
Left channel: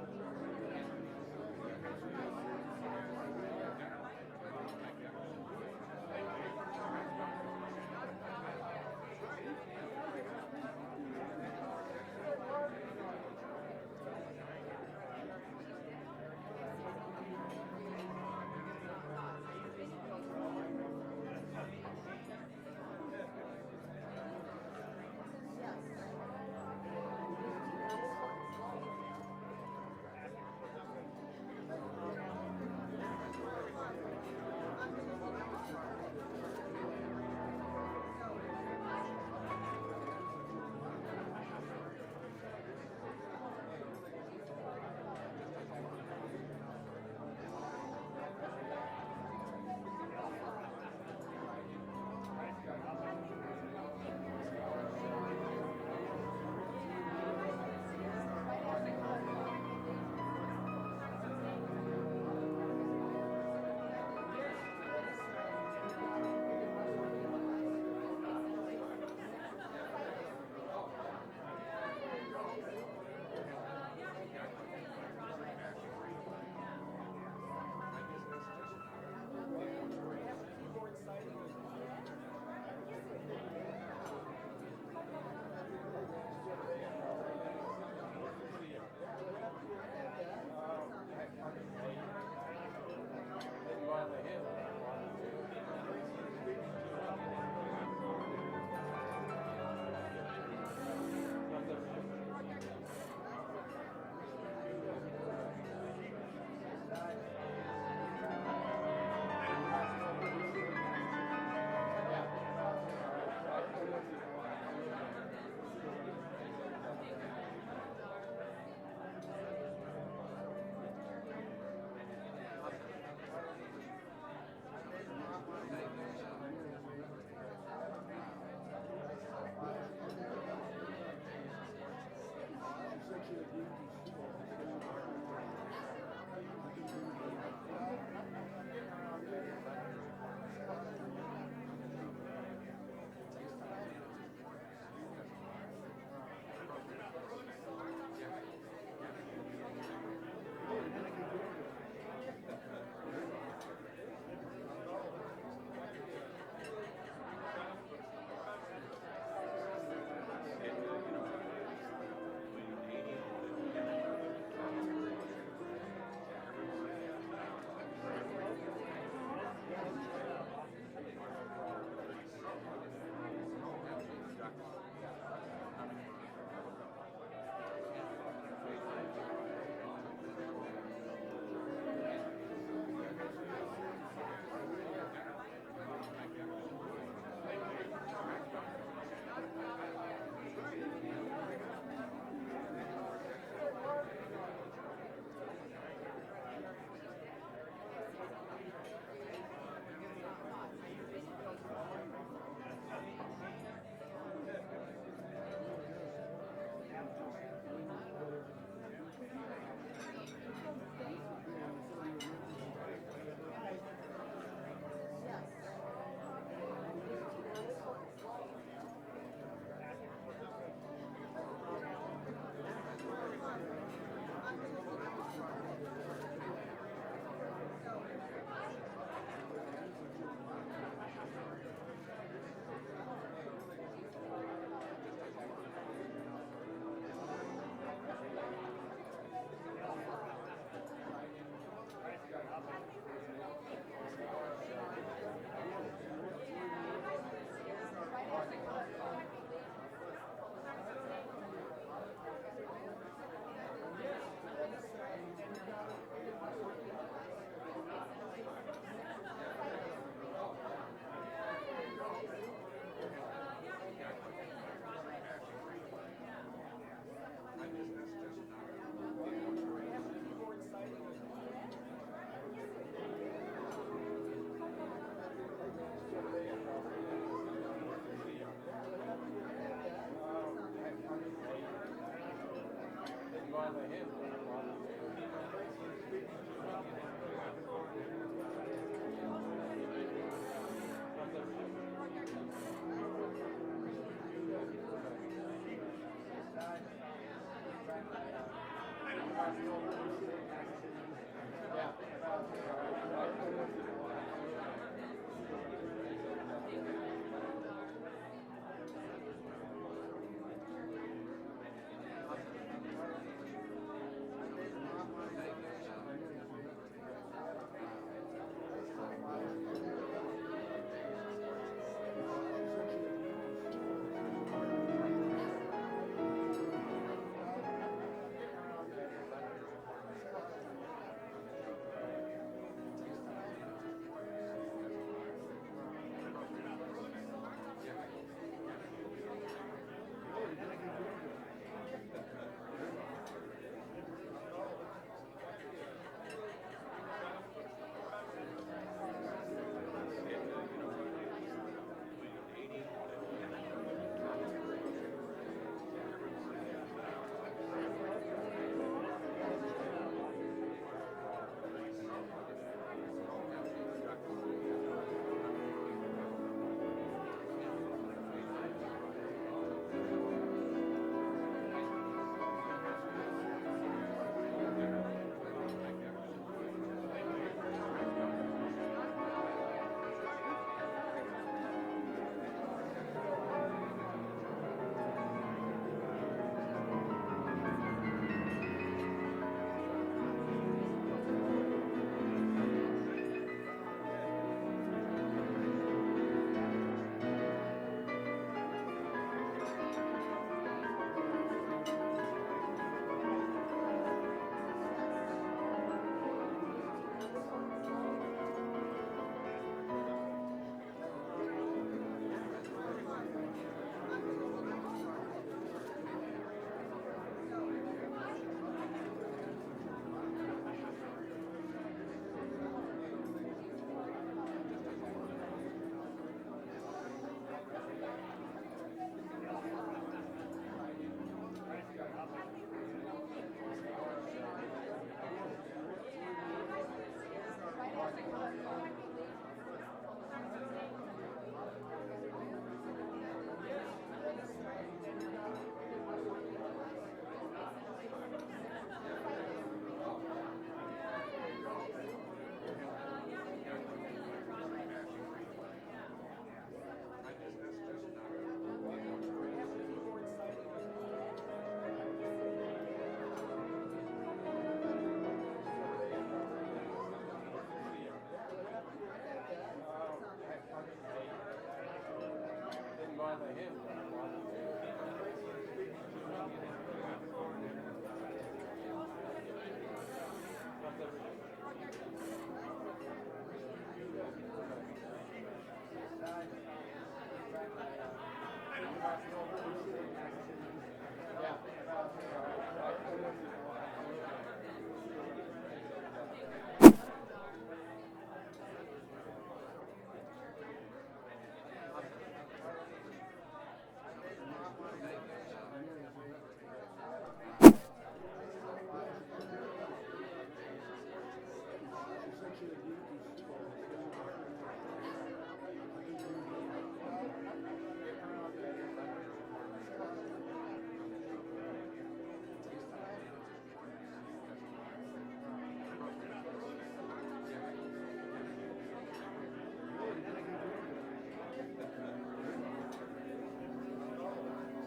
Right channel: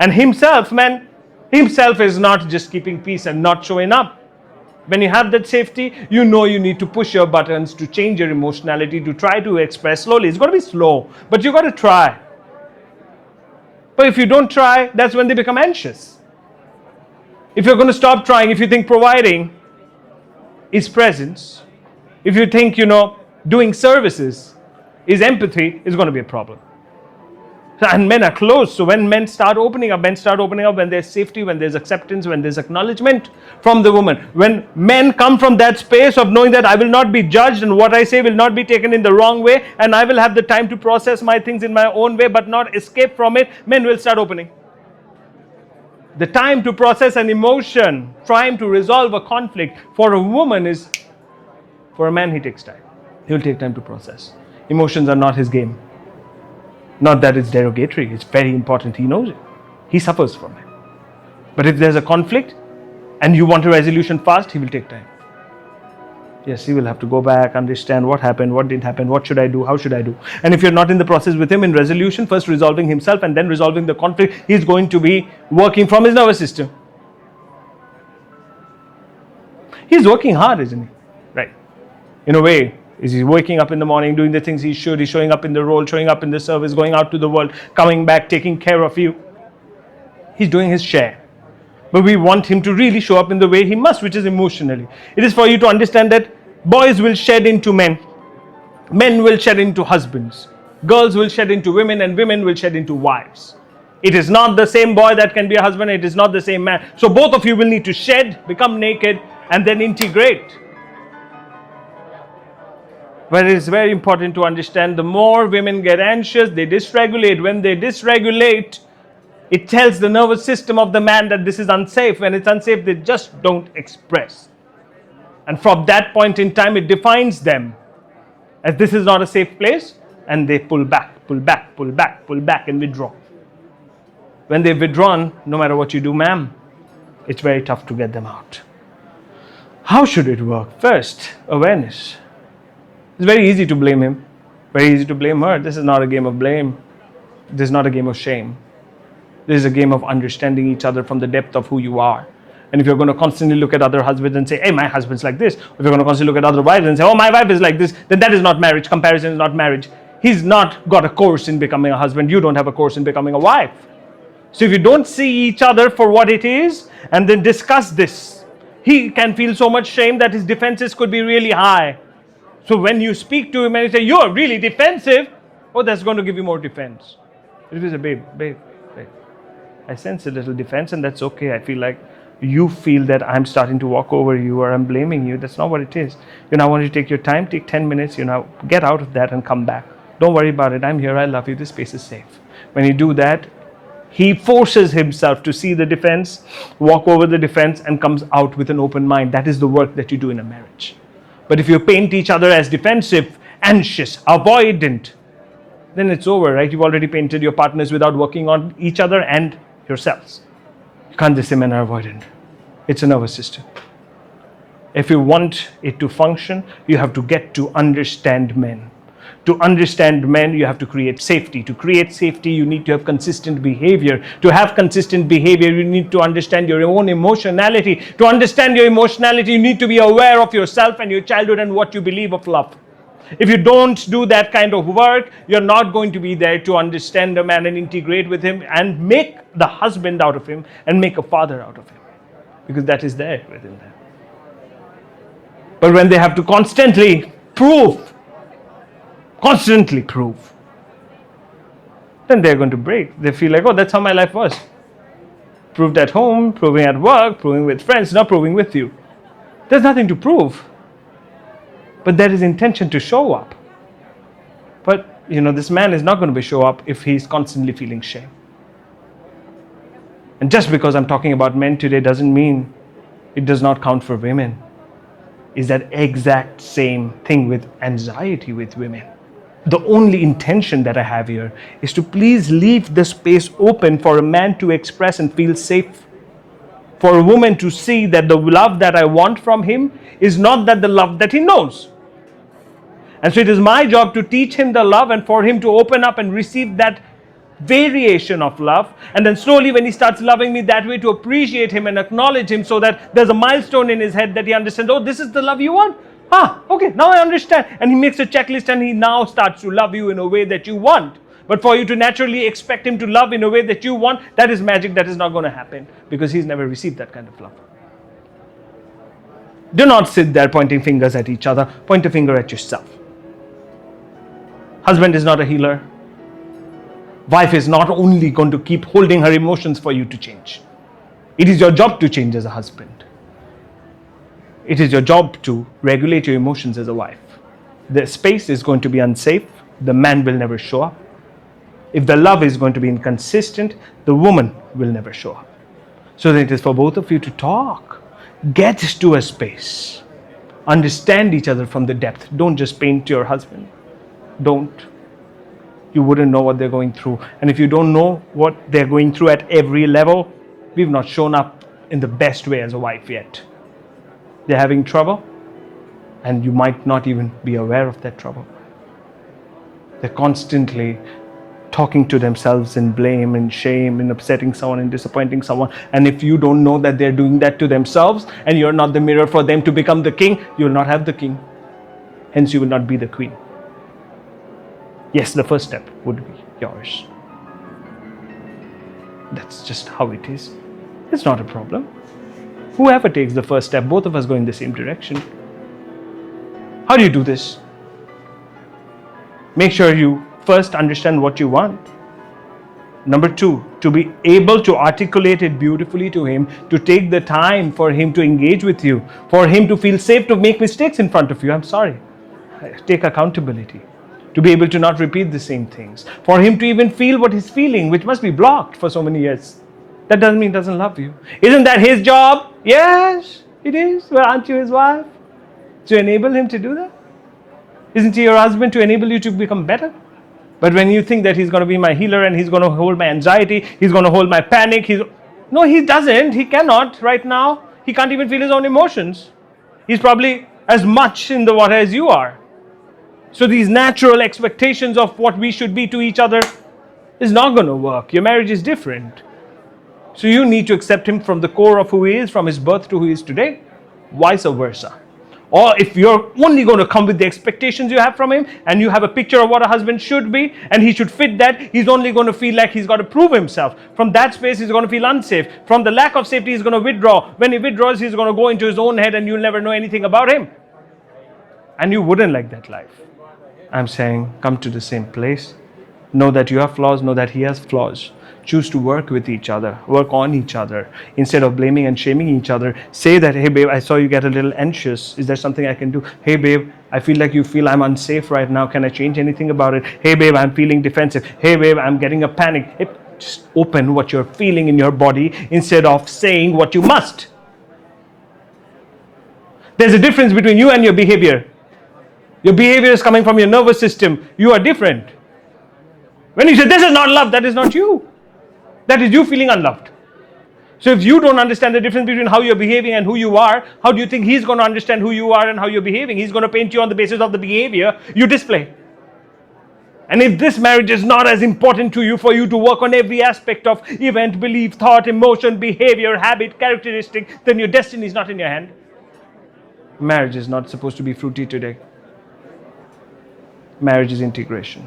And himself, man, himself is not just keeping peace and not showing up. When you have that safety, you know you need to push your buttons to change your emotionality, to try to express slowly. It's going to be slow, but you got to try. But if you don't try, that's when they become anxious. If you're going to stop trying, if you think providing is presence, if you think, doing services is empathy, it's going to be a problem. And men are closed. So when men start opening up when there's safety, when there's acceptance, when there's acknowledgement from the woman. When men come from that space of knowing that I will not be judged and what I say will not be taken in the wrong way, and I will have the time to process my things in my own way but not escape from it, men will start opening. The time to process an emotion, trying to resolve a conflict for a woman is, for a man he takes time. He'll take time to process. Emotions are not his game. Not that it's derogatory, it's very important, he knows it. He suffers from it. But if there's a conflict and you want a resolution fast, he will take time. Yes, he will have to go back, understand what happened, what didn't happen, what should I do, how should I do. And if you're not in the process with him in resolution, first resolving himself and then resolving the conflict, he's going to be working from his nervous system. He's working hard, isn't he? Right. In a way, is he waking up in the morning, doing the things he should, he's showing up in the role, showing up in the service, going out to the world, coming back, taking care of you. He's doing his share. But we want him to really show up in the way he must, which is emotionally. It is for you to understand that boys will shed into men. Men will shed into husbands. Girls will shed into women, and women will shed into wives. It is not the same boy that can be a husband. It is not the same man. So both of you will need to shed, become naked, and then integrate. But it is very important to understand the more women get anxious, they dysregulate. When they dysregulate, it tells the nervous system of the man that this is unsafe. When it's unsafe, they just don't express. And from that point in time, it defines them as this is not a safe place, and they pull back, and withdraw. When they've withdrawn, no matter what you do, ma'am, it's very tough to get them out. How should it work? First, awareness. It's very easy to blame him, very easy to blame her. This is not a game of blame. This is not a game of shame. This is a game of understanding each other from the depth of who you are. And if you're going to constantly look at other husbands and say, hey, my husband's like this, if you're going to constantly look at other wives and say, oh, my wife is like this, then that is not marriage. Comparison is not marriage. He's not got a course in becoming a husband. You don't have a course in becoming a wife. So if you don't see each other for what it is and then discuss this, he can feel so much shame that his defenses could be really high. So when you speak to him and you say, you're really defensive, oh, that's going to give you more defense. It is a babe. I sense a little defense, and that's okay. I feel like you feel that I'm starting to walk over you or I'm blaming you. That's not what it is. I want you to take your time, take 10 minutes, get out of that and come back. Don't worry about it. I'm here. I love you. This space is safe. When you do that, he forces himself to see the defense, walk over the defense, and comes out with an open mind. That is the work that you do in a marriage. But if you paint each other as defensive, anxious, avoidant, then it's over, right? You've already painted your partners without working on each other and yourselves. You can't just say men are avoidant. It's a nervous system. If you want it to function, you have to get to understand men. To understand men, you have to create safety. To create safety, you need to have consistent behavior. To have consistent behavior, you need to understand your own emotionality. To understand your emotionality, you need to be aware of yourself and your childhood and what you believe of love. If you don't do that kind of work, you're not going to be there to understand a man and integrate with him and make the husband out of him and make a father out of him. Because that is there within them. But when they have to constantly prove, then they're going to break. They feel like, oh, that's how my life was. Proved at home, proving at work, proving with friends, not proving with you. There's nothing to prove. But there is intention to show up. But, this man is not going to show up if he's constantly feeling shame. And just because I'm talking about men today doesn't mean it does not count for women. It's that exact same thing with anxiety with women. The only intention that I have here is to please leave the space open for a man to express and feel safe. For a woman to see that the love that I want from him is not that the love that he knows. And so it is my job to teach him the love and for him to open up and receive that variation of love. And then slowly when he starts loving me that way, to appreciate him and acknowledge him so that there's a milestone in his head that he understands, oh, this is the love you want? Okay, now I understand. And he makes a checklist and he now starts to love you in a way that you want. But for you to naturally expect him to love in a way that you want, that is magic. That is not going to happen because he's never received that kind of love. Do not sit there pointing fingers at each other. Point a finger at yourself. Husband is not a healer. Wife is not only going to keep holding her emotions for you to change. It is your job to change as a husband. It is your job to regulate your emotions as a wife. The space is going to be unsafe. The man will never show up. If the love is going to be inconsistent, the woman will never show up. So then it is for both of you to talk. Get to a space. Understand each other from the depth. Don't just paint your husband. Don't. You wouldn't know what they're going through. And if you don't know what they're going through at every level, we've not shown up in the best way as a wife yet. They're having trouble, and you might not even be aware of that trouble. They're constantly talking to themselves in blame and shame and upsetting someone and disappointing someone. And if you don't know that they're doing that to themselves and you're not the mirror for them to become the king, you'll not have the king. Hence, you will not be the queen. Yes, the first step would be yours. That's just how it is. It's not a problem. Whoever takes the first step, both of us go in the same direction. How do you do this? Make sure you first understand what you want. Number two, to be able to articulate it beautifully to him, to take the time for him to engage with you, for him to feel safe to make mistakes in front of you. I'm sorry. Take accountability. To be able to not repeat the same things. For him to even feel what he's feeling, which must be blocked for so many years. That doesn't mean he doesn't love you. Isn't that his job? Yes, it is. Well, aren't you his wife? To enable him to do that? Isn't he your husband to enable you to become better? But when you think that he's going to be my healer and he's going to hold my anxiety, he's going to hold my panic, no, he doesn't. He cannot right now. He can't even feel his own emotions. He's probably as much in the water as you are. So these natural expectations of what we should be to each other is not going to work. Your marriage is different. So you need to accept him from the core of who he is, from his birth to who he is today, vice versa. Or if you're only going to come with the expectations you have from him, and you have a picture of what a husband should be, and he should fit that, he's only going to feel like he's got to prove himself. From that space, he's going to feel unsafe. From the lack of safety, he's going to withdraw. When he withdraws, he's going to go into his own head, and you'll never know anything about him. And you wouldn't like that life. I'm saying, come to the same place. Know that you have flaws, know that he has flaws. Choose to work with each other, work on each other. Instead of blaming and shaming each other, say that, hey babe, I saw you get a little anxious. Is there something I can do? Hey babe, I feel like you feel I'm unsafe right now. Can I change anything about it? Hey babe, I'm feeling defensive. Hey babe, I'm getting a panic. Just open what you're feeling in your body instead of saying what you must. There's a difference between you and your behavior. Your behavior is coming from your nervous system. You are different. When you say, this is not love, that is not you. That is you feeling unloved. So if you don't understand the difference between how you're behaving and who you are, how do you think he's going to understand who you are and how you're behaving? He's going to paint you on the basis of the behavior you display. And if this marriage is not as important to you for you to work on every aspect of event, belief, thought, emotion, behavior, habit, characteristic, then your destiny is not in your hand. Marriage is not supposed to be fruity today. Marriage is integration.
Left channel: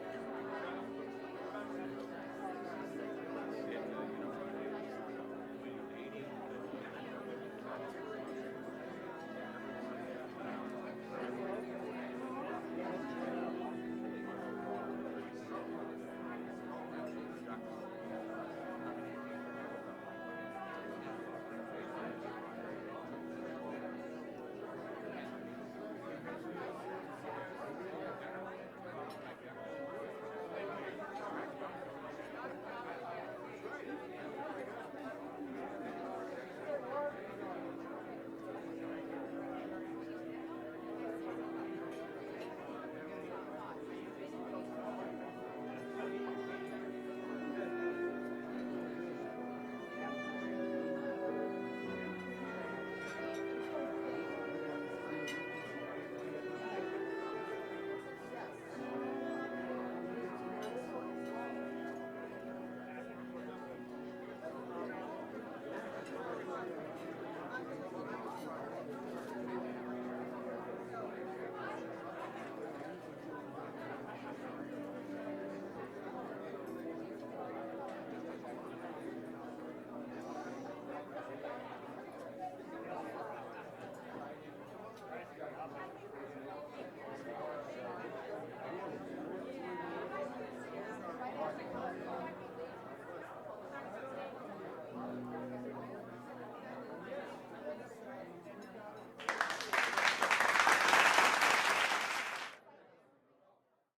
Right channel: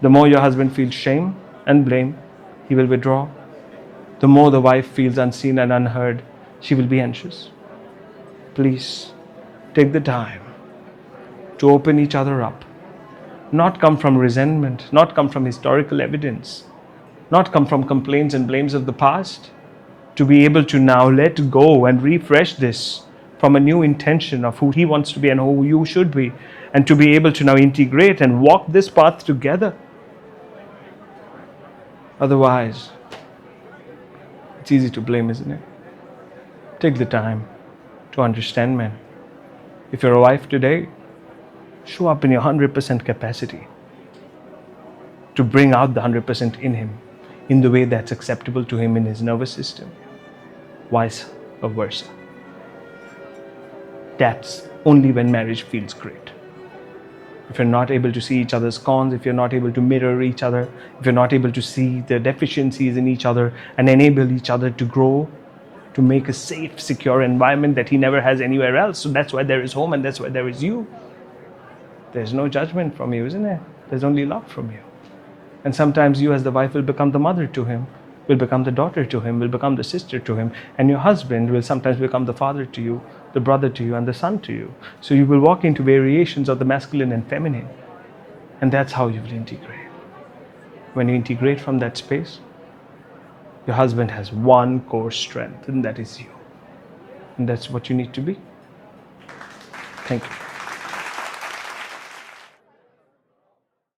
The more your husband feels shame and blame, he will withdraw. The more the wife feels unseen and unheard, she will be anxious. Please take the time to open each other up. Not come from resentment, not come from historical evidence, not come from complaints and blames of the past. To be able to now let go and refresh this from a new intention of who he wants to be and who you should be. And to be able to now integrate and walk this path together. Otherwise, it's easy to blame, isn't it? Take the time to understand men. If you're a wife today, show up in your 100% capacity to bring out the 100% in him in the way that's acceptable to him in his nervous system. Vice versa. That's only when marriage feels great. If you're not able to see each other's cons, if you're not able to mirror each other, if you're not able to see the deficiencies in each other and enable each other to grow, to make a safe, secure environment that he never has anywhere else. So that's why there is home and that's why there is you. There's no judgment from you, isn't there? There's only love from you. And sometimes you as the wife will become the mother to him, will become the daughter to him, will become the sister to him, and your husband will sometimes become the father to you, the brother to you, and the son to you. So you will walk into variations of the masculine and feminine, and that's how you will integrate. When you integrate from that space, your husband has one core strength, and that is you. And that's what you need to be. Thank you.